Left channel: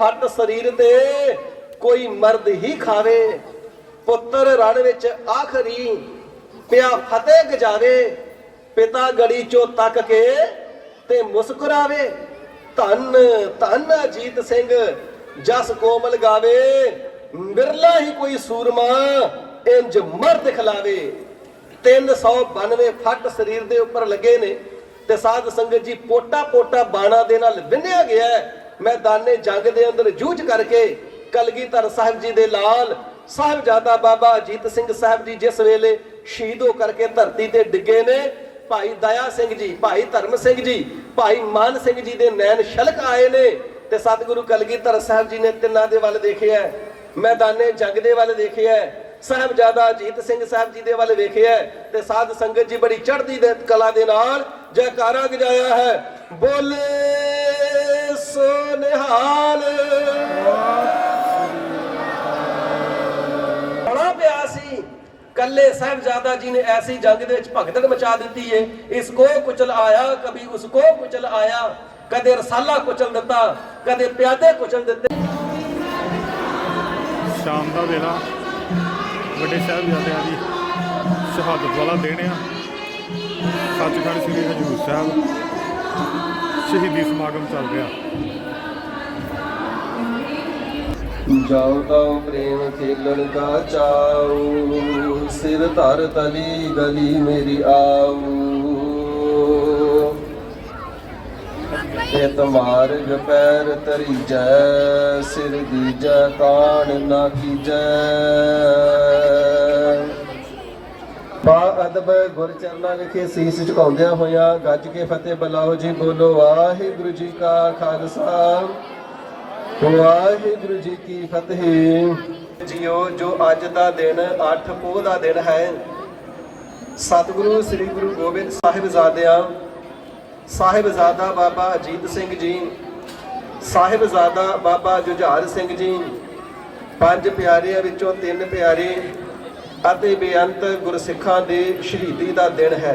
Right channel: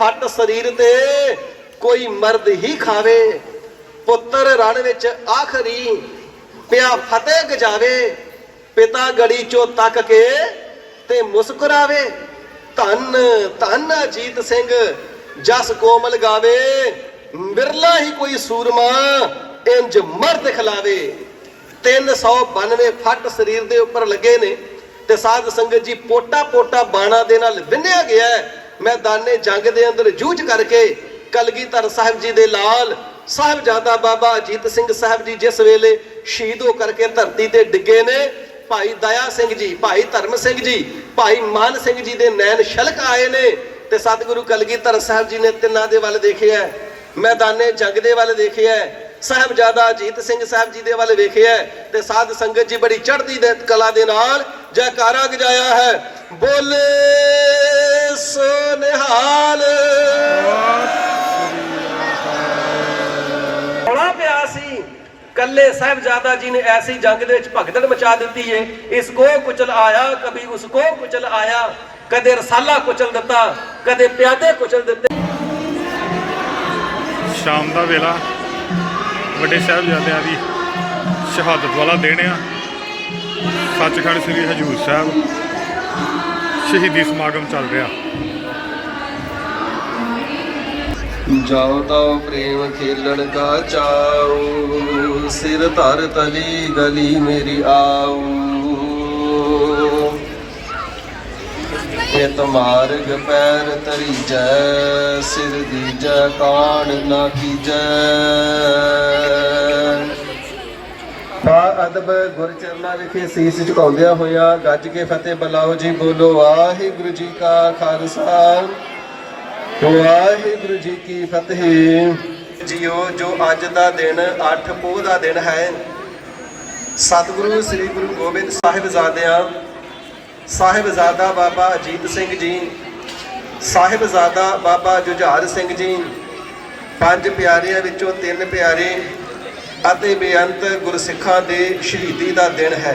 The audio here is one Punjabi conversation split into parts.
फट शरीर ते कोई मर्द ही खावे। पुत्र रण विच आखरी पिया फतेह गजावे। पिता गड़ी चो तक के ते मुस्कुरावे। धन धन अजीत सिंह जस कोमल गावे। बिरला ही कोई सूरमा इंज मर्द खिलावे। 392 फट शरीर दे उपर लगे ने ते साध संगत जी पोटा पोटा बाणा दे नाल विन्निया गया है। मैदाने जंग दे अंदर जूझ करके कलगीधर साहिब जी दे लाल साहिबजादा बाबा अजीत सिंह साहिब जी जिस वेले शहीद हो करके धरती ते डिगे ने, भाई दया सिंह जी, भाई धर्म सिंह जी, भाई मान सिंह जी दे नैन छलक आए ने ते सतगुरु कलगीधर साहिब जी ने तिन्हां दे वल देखिया, मैदाने जंग दे वल देखिया, साहिबजादा अजीत सिंह साहिब जी दे वल वेखिया ते साध संगत जी बड़ी चढ़दी दे कला दे नाल जयकारा गजाया है। बोले सो निहाल। बड़ा प्यासी कल्ले साहिबजादा जी ने ऐसी जंग दे विच भगदड़ मचा दी है। इसको कुचल आया कभी उसको कुचल आया, कदे रसाला कुचल दिता कदे प्यादे कुचल दिते। शाम का वेला ਵੱਡੇ ਸਾਹਿਬਜ਼ਾਦਿਆਂ ਦੀ ਸ਼ਹਾਦਤ वाला दिन आ। सचखंड श्री हजूर साहब शहीदी समागम चल रहा। जाओ ताओ प्रेम खेलन का चाओ, सिर धर तली गली मेरी आओ। तुम्हार पैर तरी जय, सिर दीजै कान ना कीजै। अदब गुर चरना विखे सीस झुकाउंदियां होया गज के फतेह बुलाओ जी। बोलो वाहिगुरु जी का खालसा वाहिगुरु जी की फतेह। जियो जो अज दा दिन 8 पोह दा दिन है, सतगुरु श्री गुरु गोबिंद साहिबजादियां साहिबजादा बाबा अजीत सिंह जी, साहिबजादा बाबा जुझार सिंह जी, 5 प्यारिਆਂ ਵਿੱਚੋਂ 3 प्यारे ਅਤੇ ਬੇਅੰਤ ਗੁਰਸਿੱਖਾਂ ਦੇ ਸ਼ਹੀਦੀ ਦਾ ਦਿਨ ਹੈ।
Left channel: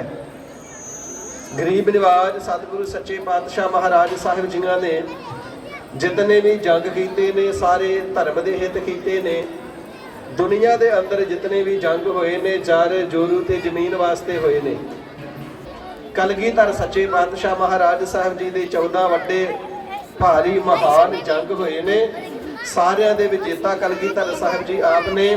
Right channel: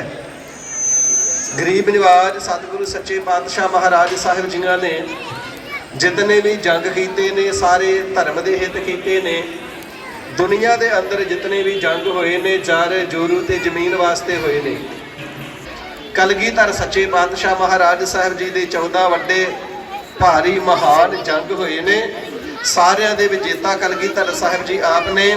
ਗਰੀਬ ਨਿਵਾਜ ਸਤਿਗੁਰੂ ਸੱਚੇ ਪਾਤਸ਼ਾਹ ਮਹਾਰਾਜ ਸਾਹਿਬ ਜੀਆਂ ਨੇ ਜਿਤਨੇ ਵੀ ਜੰਗ ਕੀਤੇ ਨੇ ਸਾਰੇ ਧਰਮ ਦੇ ਹਿੱਤ ਕੀਤੇ ਨੇ। ਦੁਨੀਆ ਦੇ ਅੰਦਰ ਜਿਤਨੇ ਵੀ ਜੰਗ ਹੋਏ ਨੇ ਜਰ ਜੋਰੂ ਤੇ ਜ਼ਮੀਨ ਵਾਸਤੇ ਹੋਏ ਨੇ। ਕਲਗੀਧਰ ਸੱਚੇ ਪਾਤਸ਼ਾਹ ਮਹਾਰਾਜ ਸਾਹਿਬ ਜੀ ਦੇ 14 ਵੱਡੇ ਭਾਰੀ ਮਹਾਨ ਜੰਗ ਹੋਏ ਨੇ। ਸਾਰਿਆਂ ਦੇ ਵਿਜੇਤਾ ਕਲਗੀਧਰ ਸਾਹਿਬ ਜੀ ਆਪ ਨੇ।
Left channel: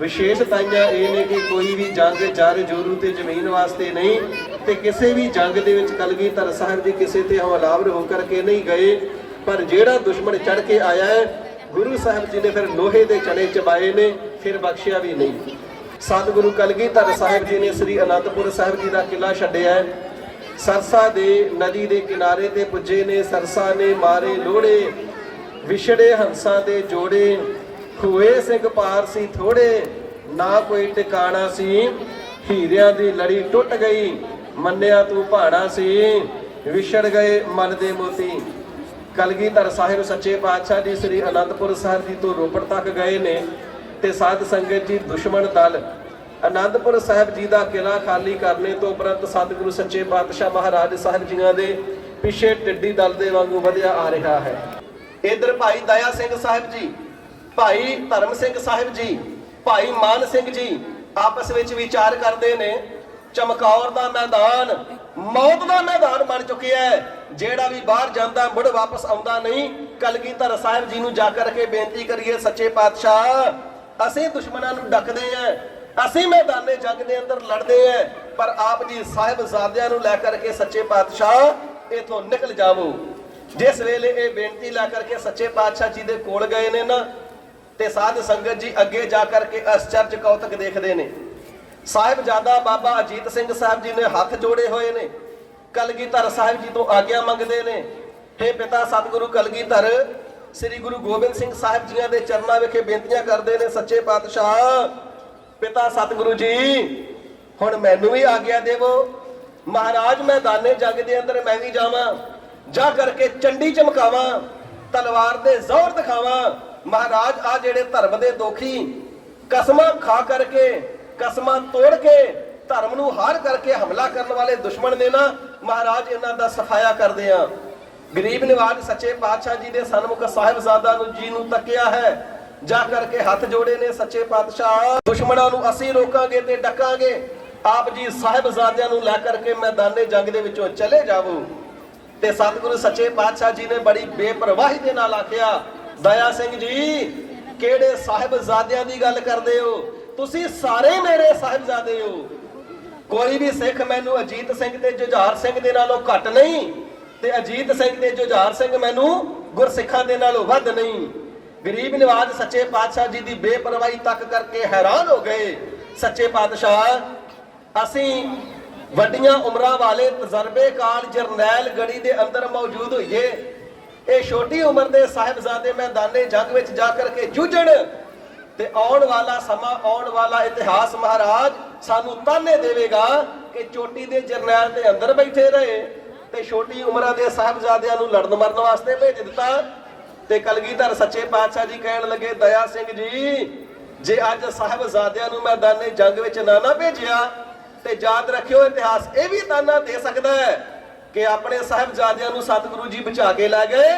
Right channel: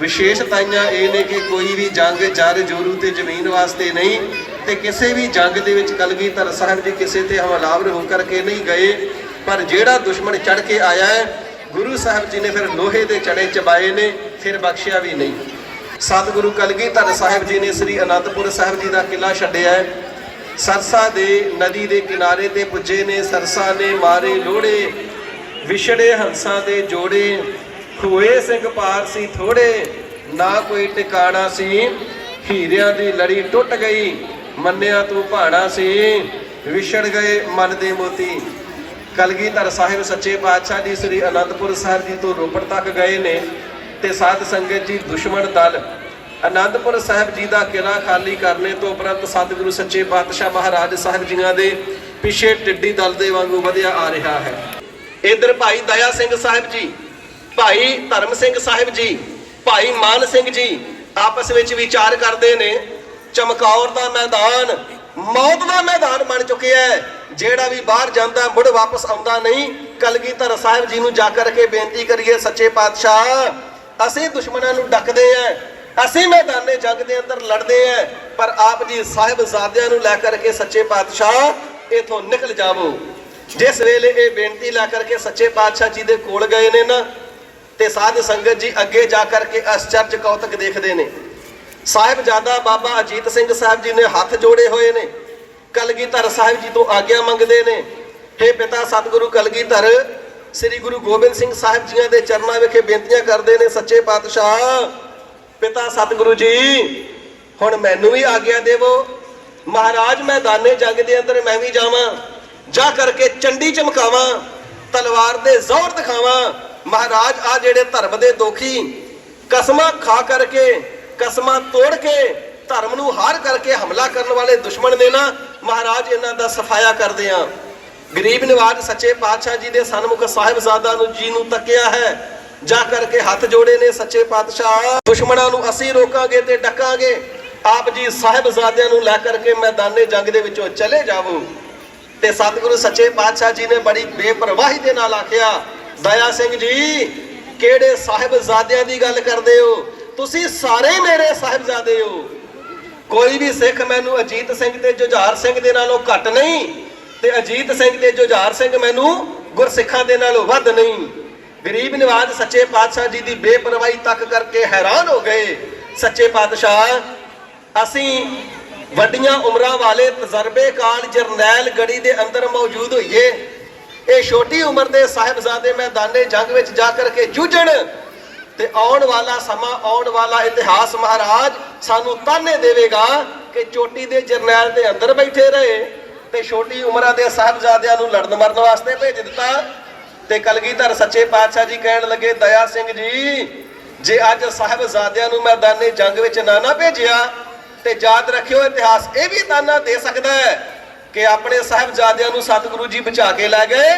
ਵਿਸ਼ੇਸ਼ਤਾਈਆਂ ਇਹ ਨੇ ਕਿ ਕੋਈ ਵੀ ਜੰਗ ਜਰ ਜੋਰੂ ਤੇ ਜ਼ਮੀਨ ਵਾਸਤੇ ਨਹੀਂ ਤੇ ਕਿਸੇ ਵੀ ਜੰਗ ਦੇ ਵਿੱਚ ਕਲਗੀਧਰ ਸਾਹਿਬ ਜੀ ਕਿਸੇ ਤੇ ਹਮਲਾਵਰ ਹੋ ਕਰਕੇ ਨਹੀਂ ਗਏ। ਪਰ ਜਿਹੜਾ ਦੁਸ਼ਮਣ ਚੜ ਕੇ ਆਇਆ ਹੈ ਗੁਰੂ ਸਾਹਿਬ ਜੀ ਨੇ ਫਿਰ ਲੋਹੇ ਦੇ ਚੜੇ ਚਬਾਏ ਨੇ, ਫਿਰ ਬਖਸ਼ਿਆ ਵੀ ਨਹੀਂ। ਸਤਿਗੁਰੂ ਕਲਗੀਧਰ ਸਾਹਿਬ ਜੀ ਨੇ ਸ੍ਰੀ ਅਨੰਦਪੁਰ ਸਾਹਿਬ ਜੀ ਦਾ ਕਿਲਾ ਛੱਡਿਆ। ਸਰਸਾ ਦੇ ਨਦੀ ਦੇ ਕਿਨਾਰੇ ਤੇ ਪੁੱਜੇ ਨੇ। ਸਰਸਾ ਨੇ ਮਾਰੇ ਲੋੜੇ, ਵਿਛੜੇ ਹੰਸਾਂ ਦੇ ਜੋੜੇ। ਹੋਏ ਸਿੰਘ ਪਾਰ ਸੀ ਥੋੜੇ, ਨਾ ਕੋਈ ਟਿਕਾਣਾ ਸੀ। ਹੀਰਿਆਂ ਦੀ ਲੜੀ ਟੁੱਟ ਗਈ, ਮੰਨਿਆ ਤੂੰ ਭਾਣਾ ਸੀ। ਵਿਛੜ ਗਏ ਮਨ ਦੇ ਮੋਤੀ। ਕਲਗੀਧਰ ਸਾਹਿਬ ਸੱਚੇ ਪਾਤਸ਼ਾਹ ਜੀ ਸ੍ਰੀ ਅਨੰਦਪੁਰ ਸਾਹਿਬ ਜੀ ਤੋਂ ਰੋਪੜ ਤੱਕ ਗਏ ਨੇ ਤੇ ਸਾਧ ਸੰਗਤ ਜੀ ਦੁਸ਼ਮਣ ਦਲ ਅਨੰਦਪੁਰ ਸਾਹਿਬ ਜੀ ਦਾ ਕਿਲਾ ਖਾਲੀ ਕਰਨੇ ਤੋਂ ਉਪਰੰਤ ਸਤਿਗੁਰੂ ਸੱਚੇ ਪਾਤਸ਼ਾਹ ਮਹਾਰਾਜ ਸਾਹਿਬ ਜੀਆਂ ਦੇ ਪਿੱਛੇ ਟਿੱਡੀ ਦਲ ਦੇ ਵਾਂਗੂ ਵਧਿਆ ਆ ਰਿਹਾ ਹੈ। ਇਧਰ ਭਾਈ ਦਇਆ ਸਿੰਘ ਸਾਹਿਬ ਜੀ, ਭਾਈ ਧਰਮ ਸਿੰਘ ਸਾਹਿਬ ਜੀ, ਭਾਈ ਮਾਨ ਸਿੰਘ ਜੀ ਆਪਸ ਵਿੱਚ ਵਿਚਾਰ ਕਰਦੇ ਨੇ। ਚਮਕੌਰ ਦਾ ਮੈਦਾਨ ਮੌਤ ਦਾ ਮੈਦਾਨ ਬਣ ਚੁੱਕਿਆ ਹੈ। ਜਿਹੜਾ ਵੀ ਬਾਹਰ ਜਾਂਦਾ ਮੁੜ ਵਾਪਸ ਆਉਂਦਾ ਨਹੀਂ। ਕਲਗੀਧਰ ਸਾਹਿਬ ਜੀ ਨੂੰ ਜਾ ਕਰਕੇ ਬੇਨਤੀ ਕਰੀਏ, ਸੱਚੇ ਪਾਤਸ਼ਾਹ ਅਸੀਂ ਦੁਸ਼ਮਣਾਂ ਨੂੰ ਡੱਕਦੇ ਆਂ, ਅਸੀਂ ਮੈਦਾਨੇ ਜੰਗ ਦੇ ਅੰਦਰ ਲੜਦੇ ਆਂ, ਪਰ ਆਪ ਜੀ ਸਾਹਿਬਜ਼ਾਦਿਆਂ ਨੂੰ ਲੈ ਕਰਕੇ ਸੱਚੇ ਪਾਤਸ਼ਾਹ ਇਥੋਂ ਨਿਕਲ ਜਾਵੋ। ਜਿਸ ਵੇਲੇ ਇਹ ਬੇਨਤੀ ਲੈ ਕਰਕੇ ਸੱਚੇ ਪਾਤਸ਼ਾਹ ਜੀ ਦੇ ਕੋਲ ਗਏ ਨੇ ਨਾ ਤੇ ਸਾਧ ਸੰਗਤ ਜੀ ਅੱਗੇ ਜਾ ਕਰਕੇ ਅਚਰਜ ਕੌਤਕ ਦੇਖਦੇ ਨੇ। ਸਾਹਿਬਜ਼ਾਦਾ ਬਾਬਾ ਅਜੀਤ ਸਿੰਘ ਸਾਹਿਬ ਜੀ ਨੇ ਹੱਥ ਜੋੜੇ ਹੋਏ ਨੇ, ਕਲਗੀਧਰ ਸਾਹਿਬ ਜੀ ਤੋਂ ਆਗਿਆ ਮੰਗਦੇ ਨੇ। हे ਪਿਤਾ ਸਤਿਗੁਰੂ ਕਲਗੀਧਰ ਸ੍ਰੀ ਗੁਰੂ ਗੋਬਿੰਦ ਸਿੰਘ ਸਾਹਿਬ ਜੀਆਂ ਦੇ ਚਰਨਾਂ ਵਿਖੇ ਬੇਨਤੀਆਂ ਕਰਦੇ ਨੇ। ਸੱਚੇ ਪਾਤਸ਼ਾਹ ਪਿਤਾ ਸਤਿਗੁਰੂ ਜੀ ਹੁਣ ਮੈਨੂੰ ਵੀ ਆਗਿਆ ਦੇਵੋ। ਮਹਾਰਾਜ ਮੈਦਾਨੇ ਜੰਗ ਦੇ ਅੰਦਰ ਮੈਂ ਵੀ ਜਾਵਾਂ, ਜਾ ਕਰਕੇ ਚੰਡੀ ਚਮਕਾਵਾਂ, ਤਲਵਾਰ ਦੇ ਜ਼ੋਰ ਦਿਖਾਵਾਂ। ਮਹਾਰਾਜ ਆ ਜਿਹੜੇ ਧਰਮ ਦੇ ਦੋਖੀ ਕਸਮਾਂ ਖਾ ਕਰਕੇ ਕਸਮਾਂ ਤੋੜ ਕੇ ਧਰਮ ਨੂੰ ਹਾਰ ਕਰਕੇ ਹਮਲਾ ਕਰਨ ਵਾਲੇ ਦੁਸ਼ਮਣ ਨੇ ਨਾ ਮਹਾਰਾਜ ਇਹਨਾਂ ਦਾ ਸਫਾਇਆ ਕਰਦੇ ਆ। ਗਰੀਬ ਨਿਵਾਜ ਸੱਚੇ ਪਾਤਸ਼ਾਹ ਜੀ ਦੇ ਸਨਮੁਖ ਸਾਹਿਬਜ਼ਾਦਾ ਨੂੰ ਜੀ ਨੂੰ ਤੱਕਿਆ ਹੈ, ਜਾ ਕਰਕੇ ਹੱਥ ਜੋੜੇ ਨੇ। ਸੱਚੇ ਪਾਤਸ਼ਾਹ ਦੁਸ਼ਮਣਾਂ ਨੂੰ ਅਸੀਂ ਰੋਕਾਂਗੇ ਤੇ ਡਕਾਂਗੇ, ਆਪ ਜੀ ਸਾਹਿਬਜ਼ਾਦਿਆਂ ਨੂੰ ਲੈ ਕਰਕੇ ਮੈਦਾਨੇ ਜੰਗ ਦੇ ਵਿੱਚੋਂ ਚਲੇ ਜਾਵੋ। ਤੇ ਸਤਿਗੁਰੂ ਸੱਚੇ ਪਾਤਸ਼ਾਹ ਜੀ ਨੇ ਬੜੀ ਬੇਪਰਵਾਹੀ ਦੇ ਨਾਲ ਆਖਿਆ, ਦਇਆ ਸਿੰਘ ਜੀ ਕਿਹੜੇ ਸਾਹਿਬਜ਼ਾਦਿਆਂ ਦੀ ਗੱਲ ਕਰਦੇ ਹੋ? ਤੁਸੀਂ ਸਾਰੇ ਮੇਰੇ ਸਾਹਿਬਜ਼ਾਦੇ ਹੋ। ਕੋਈ ਵੀ ਸਿੱਖ ਮੈਨੂੰ ਅਜੀਤ ਸਿੰਘ ਤੇ ਜੁਝਾਰ ਸਿੰਘ ਦੇ ਨਾਲੋਂ ਘੱਟ ਨਹੀਂ, ਤੇ ਅਜੀਤ ਸਿੰਘ ਤੇ ਜੁਝਾਰ ਸਿੰਘ ਮੈਨੂੰ ਗੁਰਸਿੱਖਾਂ ਦੇ ਨਾਲੋਂ ਵੱਧ ਨਹੀਂ। ਗਰੀਬ ਨਿਵਾਜ ਸੱਚੇ ਪਾਤਸ਼ਾਹ ਜੀ ਦੀ ਬੇਪਰਵਾਹੀ ਤੱਕ ਕਰਕੇ ਹੈਰਾਨ ਹੋ ਗਏ। ਸੱਚੇ ਪਾਤਸ਼ਾਹ ਅਸੀਂ ਵੱਡੀਆਂ ਉਮਰਾਂ ਵਾਲੇ ਤਜਰਬੇਕਾਰ ਜਰਨੈਲ ਗੜੀ ਦੇ ਅੰਦਰ ਮੌਜੂਦ ਹੋਈਏ, ਇਹ ਛੋਟੀ ਉਮਰ ਦੇ ਸਾਹਿਬਜ਼ਾਦੇ ਮੈਦਾਨੇ ਜੰਗ ਵਿੱਚ ਜਾ ਕਰਕੇ ਜੂਝਣ, ਤੇ ਆਉਣ ਵਾਲਾ ਸਮਾਂ, ਆਉਣ ਵਾਲਾ ਇਤਿਹਾਸ ਮਹਾਰਾਜ ਸਾਨੂੰ ਤਾਨੇ ਦੇਵੇਗਾ ਕਿ ਚੋਟੀ ਦੇ ਜਰਨੈਲ ਦੇ ਅੰਦਰ ਬੈਠੇ ਰਹੇ ਤੇ ਛੋਟੀ ਉਮਰਾਂ ਦੇ ਸਾਹਿਬਜ਼ਾਦਿਆਂ ਨੂੰ ਲੜਨ ਮਰਨ ਵਾਸਤੇ ਭੇਜ ਦਿੱਤਾ। ਤੇ ਕਲਗੀਧਰ ਸੱਚੇ ਪਾਤਸ਼ਾਹ ਜੀ ਕਹਿਣ ਲੱਗੇ, ਦਇਆ ਸਿੰਘ ਜੀ ਜੇ ਅੱਜ ਸਾਹਿਬਜ਼ਾਦਿਆਂ ਨੂੰ ਮੈਦਾਨੇ ਜੰਗ ਵਿੱਚ ਨਾ ਭੇਜਿਆ ਤੇ ਯਾਦ ਰੱਖਿਓ ਇਤਿਹਾਸ ਇਹ ਵੀ ਤਾਨਾ ਦੇ ਸਕਦਾ ਹੈ ਕਿ ਆਪਣੇ ਸਾਹਿਬਜ਼ਾਦਿਆਂ ਨੂੰ ਸਤਿਗੁਰੂ ਜੀ ਬਚਾ ਕੇ ਲੈ ਗਏ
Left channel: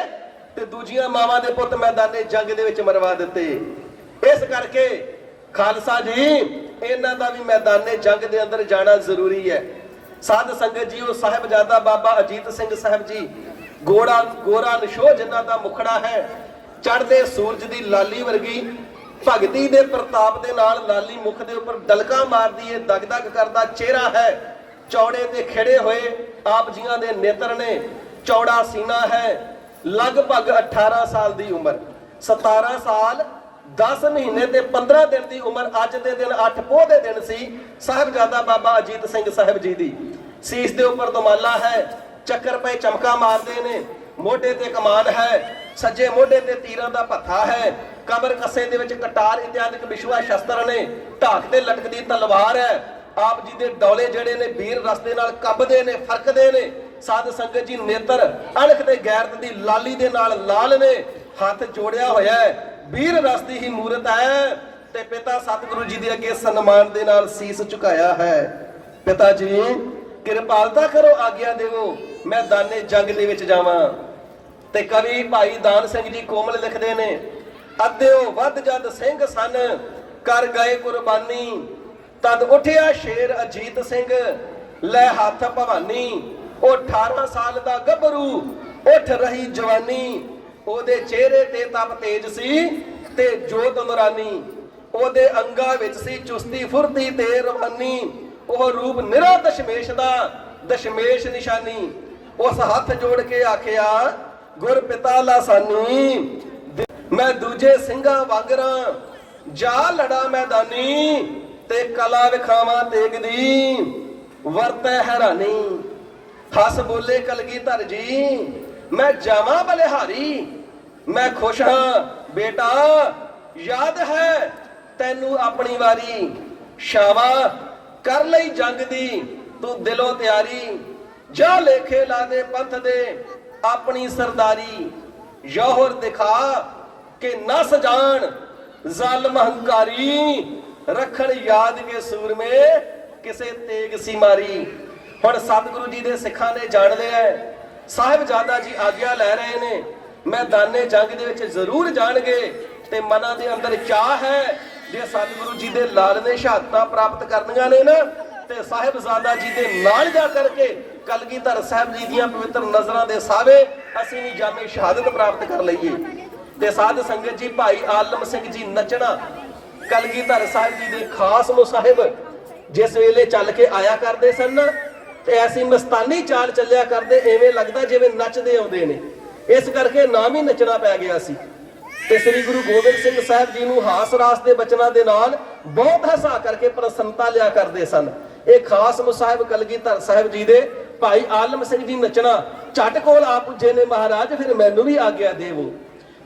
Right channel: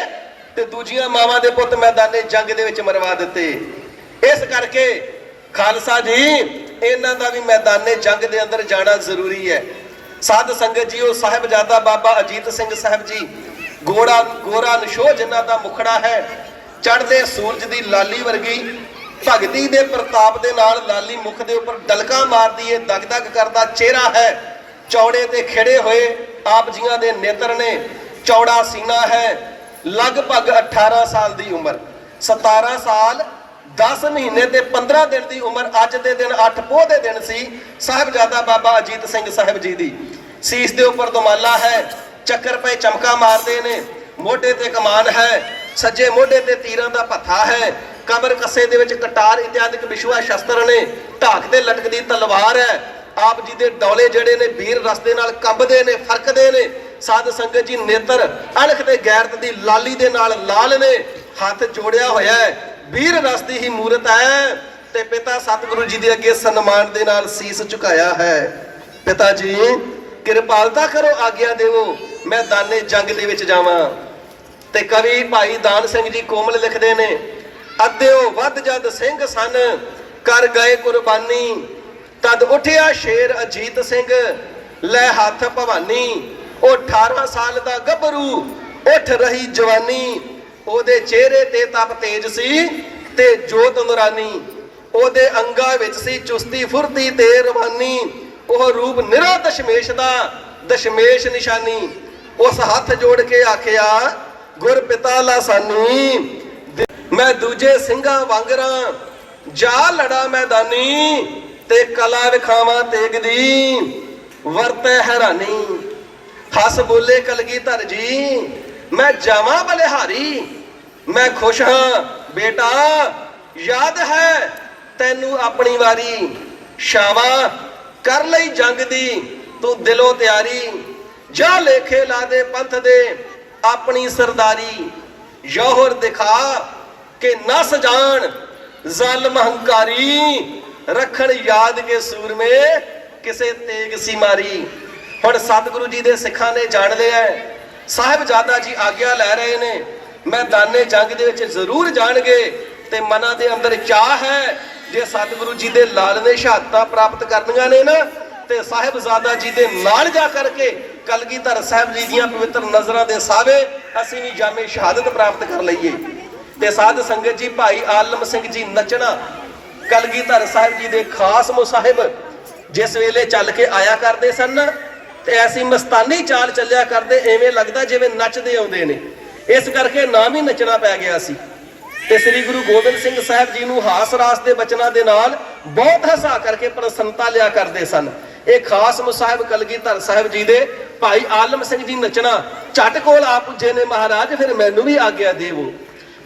ਤੇ ਦੂਜੀਆਂ ਮਾਵਾਂ ਦੇ ਪੁੱਤ ਮੈਦਾਨੇ ਜੰਗ ਦੇ ਵਿੱਚ ਮਰਵਾ ਦਿੱਤੇ। ਇਸ ਕਰਕੇ ਖਾਲਸਾ ਜੀ ਇਹਨਾਂ ਦਾ ਵੀ ਮੈਦਾਨੇ ਜੰਗ ਦੇ ਅੰਦਰ ਜਾਣਾ ਜ਼ਰੂਰੀ ਹੈ। ਸਾਧ ਸੰਗਤ ਜੀ, ਉਹ ਸਾਹਿਬਜ਼ਾਦਾ ਬਾਬਾ ਅਜੀਤ ਸਿੰਘ ਸਾਹਿਬ ਜੀ ਗੋਰਾ ਨਿਸ਼ੋ ਜਿਨ੍ਹਾਂ ਦਾ ਮੁਖੜਾ ਹੈ, ਚੜ੍ਹਦੇ ਸੂਰਜ ਦੀ ਲਾਲੀ ਵਰਗੀ ਭਗਤੀ ਦੇ ਪ੍ਰਤਾਪ ਦੇ ਨਾਲ ਲਾਲੀ ਮੁਖ ਦੇ ਉੱਪਰ ਡਲਕਾ ਮਾਰਦੀ ਹੈ, ਦਗਦਗ ਕਰਦਾ ਚਿਹਰਾ ਹੈ, ਚੌੜੇ ਤੇ ਖਿੜੇ ਹੋਏ ਆਪ ਜੀਆਂ ਦੇ ਨੇਤਰ ਨੇ, ਚੌੜਾ ਸੀਨਾ ਹੈ, ਲਗਭਗ 18 ਸਾਲ ਦੀ ਉਮਰ, 17 ਸਾਲ 10 ਮਹੀਨੇ ਤੇ 15 ਦਿਨ ਦੀ ਉਮਰ। ਅੱਜ ਦੇ ਦਿਨ 8 ਪੋਹ ਦੇ ਦਿਨ ਸੀ ਸਾਹਿਬਜ਼ਾਦਾ ਬਾਬਾ ਅਜੀਤ ਸਿੰਘ ਸਾਹਿਬ ਜੀ ਦੀ। ਸੀਸ ਦੇ ਉੱਪਰ ਦਮਾਲਾ ਹੈ, ਚੱਕਰ ਪਏ ਚਮਕਾ ਮਾਰਦੇ ਨੇ, ਮੋਢੇ ਤੇ ਕਮਾਨ ਹੈ, ਸੱਜੇ ਮੋਢੇ ਤੇ ਤੀਰਾਂ ਦਾ ਭੱਥਾ ਹੈ, ਕਮਰ ਕੱਸੇ ਦੇ ਵਿੱਚ ਕਟਾਰ ਇਤਿਆਦਿਕ ਵਿਸ਼ਵਾ ਸ਼ਸਤਰ ਨੇ, ਢਾਕ ਤੇ ਲਟਕਦੀ ਤਲਵਾਰ ਹੈ। ਆਪ ਜੀ ਦੇ ਡੌਲੇ ਜਿਹੜੇ ਨੇ ਵੀਰ ਰਸ ਦੇ ਨਾਲ ਕੰਬਦੇ ਨੇ, ਫਰਕਦੇ ਨੇ। ਸਾਧ ਸੰਗਤ ਜੀ ਨੇਤਰ ਅਣਖ ਤੇ ਗੈਰਤ ਦੀ ਲਾਲੀ ਦੇ ਨਾਲ ਲਾਲ ਨੇ, ਹੱਥ ਜੋੜਿਆ ਹੋਇਆ ਹੈ, ਵੀਰ ਰਸ ਦੀ ਹੀ ਮੂਰਤ ਹੈ ਤੇ ਪਿਤਾ ਸਤਿਗੁਰੂ ਜੀ ਦੇ ਅੱਗੇ ਸਨਮਾਨ ਦੇ ਨਾਲ ਸੀਸ ਝੁਕਾਇਆ ਹੈ। ਪਿਤਾ ਜੀ ਕਿਰਪਾਲਤਾ ਕਰੋ, ਆਗਿਆ ਦੇਵੋ ਮੈਂ ਦਾਨੇ ਜੰਗ ਦੇ ਵਿੱਚ ਜਾਵਾਂ। ਤੇ ਕਵੀ ਭਾਈ ਦਾਨ ਸਿੰਘ ਜੀ ਕੋਮਲ ਲਿਖਦੇ ਨੇ, ਅੱਧਿਓ ਵੱਧ ਜਦ ਸਿੰਘ ਸਨ ਕਰ ਗਏ ਕੁਰਬਾਨੀ, ਤਦ ਉੱਠਿਆ ਸ਼ੇਰ ਅਜੀਤ ਸਿੰਘ ਲੈ ਹੱਥ ਭਵਾਨੀ। ਉਹ 18 ਸਾਲ ਦਾ ਗੱਭਰੂ ਉੱਠ ਰਹੀ ਜਵਾਨੀ, ਉਹਦੇ ਚਿਹਰੇ ਤੇ ਤਪ ਤੇਜ ਸੀ ਤੇ ਜੋਤ ਨੂਰਾਨੀ, ਉਹਦੇ ਅੰਗਾਂ ਵਿੱਚ ਸੀ ਚੁਸਤੀ ਫੁਰਤੀ ਤੇ ਰਵਾਨੀ, ਉਹ ਰੂਪ ਨਿਰਾ ਦਸ਼ਮੇਸ਼ ਦਾ ਦਸ਼ਮੇਸ਼ ਨਿਸ਼ਾਨੀ। ਉਸ ਹੱਥ ਜੋੜ ਕੇ ਆਖਿਆ ਗੁਰ ਪਿਤਾ ਲਾਸਾਨੀ, ਮੈਂ ਦੂਜੇ ਸਿੰਘਾਂ ਵਾਂਗਰਾਂ ਜਾ ਲੜਾ ਮੈਦਾਨੀ, ਤੇ ਕਲਾ ਵਿਖਾਵਾਂ ਤੇਗ ਦੀ ਵਰਤੈ ਹੈਰਾਨੀ। ਹੱਸ ਬੋਲੇ ਕਲਗੀਧਰ ਜੀ ਮੈਂ ਜਾਵਾਂ ਬਲਿਹਾਰੀ, ਮੈਂ ਖੁਸ਼ ਹਾਂ ਬੇਟਾ ਯਾਦ ਹੈ ਤੈਨੂੰ ਆਪਣੀ ਵਾਰੀ, ਸ਼ਾਵਾ ਕਰ ਲਈ ਜੰਗ ਦੀ ਤੂੰ ਦਿਲੋਂ ਤਿਆਰੀ, ਜਾ ਲੇਖੇ ਲਾ ਦੇ ਪੰਥ ਦੇ ਆਪਣੀ ਸਰਦਾਰੀ, ਯੋਹਰ ਦਿਖਾ ਕਿ ਨਸ ਜਾਣ ਜ਼ਾਲਮ ਹੰਕਾਰੀ, ਰੱਖਣ ਯਾਦ ਕੇ ਸੂਰਮੇ ਕਿਸੇ ਤੇਗ ਸੀ ਮਾਰੀ। ਹੁਣ ਸਤਿਗੁਰੂ ਜੀ ਦੇ ਸਿੱਖਾਂ ਨੇ ਜਾਣ ਲਿਆ, ਸਾਹਿਬਜ਼ਾਦਾ ਜੀ ਆਗਿਆ ਲੈ ਰਹੇ ਨੇ, ਮੈਦਾਨੇ ਜੰਗ ਦੇ ਵਿੱਚ ਜ਼ਰੂਰ ਜਾਣਗੇ ਤੇ ਮਨਾਂ ਦੇ ਅੰਦਰ ਚਾਹ ਹੈ ਜੇ ਸਤਿਗੁਰੂ ਜੀ ਦੇ ਲਾਲ ਨੇ ਸ਼ਹਾਦਤਾਂ ਪ੍ਰਾਪਤ ਕਰਨੀਆਂ ਨੇ ਨਾ, ਤੇ ਸਾਹਿਬਜ਼ਾਦਾ ਜੀ ਦੇ ਨਾਲ ਜਾ ਕਰਕੇ ਕਲਗੀਧਰ ਸਾਹਿਬ ਜੀ ਦੀਆਂ ਪਵਿੱਤਰ ਨਜ਼ਰਾਂ ਦੇ ਸਾਵੇ ਅਸੀਂ ਵੀ ਜਾਮੇ ਸ਼ਹਾਦਤ ਪ੍ਰਾਪਤ ਕਰ ਲਈਏ। ਤੇ ਸਾਧ ਸੰਗਤ ਜੀ ਭਾਈ ਆਲਮ ਸਿੰਘ ਜੀ ਨਚਣਾ ਕਲਗੀਧਰ ਸਾਹਿਬ ਜੀ ਦੇ ਖਾਸ ਮੁਸਾਹਿਬ ਜਿਸ ਵੇਲੇ ਚੱਲ ਕੇ ਆਇਆ ਕਰਦੇ ਸਨ ਤੇ ਐਸੀ ਮਸਤਾਨੀ ਚਾਲ ਚੱਲਿਆ ਕਰਦੇ, ਐਵੇਂ ਲੱਗਦਾ ਜਿਵੇਂ ਨੱਚਦੇ ਆਉਂਦੇ ਨੇ। ਇਸ ਕਰਕੇ ਨਾਮ ਹੀ ਨੱਚਣਾ ਪੈ ਗਿਆ ਸੀ। ਤੇ ਸ੍ਰੀ ਗੁਰੂ ਗੋਬਿੰਦ ਸਿੰਘ ਸਾਹਿਬ ਜੀ ਨੂੰ ਹਾਸ ਰਾਸ ਦੇ ਬਚਨਾਂ ਦੇ ਨਾਲ ਬਹੁਤ ਹਸਾ ਕਰਕੇ ਪ੍ਰਸੰਨਤਾ ਲਿਆ ਕਰਦੇ ਸਨ। ਇਹ ਖਾਸ ਮੁਸਾਹਿਬ ਕਲਗੀਧਰ ਸਾਹਿਬ ਜੀ ਦੇ ਭਾਈ ਆਲਮ ਸਿੰਘ ਜੀ ਨੱਚਣਾ ਝਟ ਕੋਲ ਆ ਪੁੱਜੇ ਨੇ, ਮਹਾਰਾਜ ਫਿਰ ਮੈਨੂੰ ਵੀ ਆਗਿਆ ਦੇਵੋ।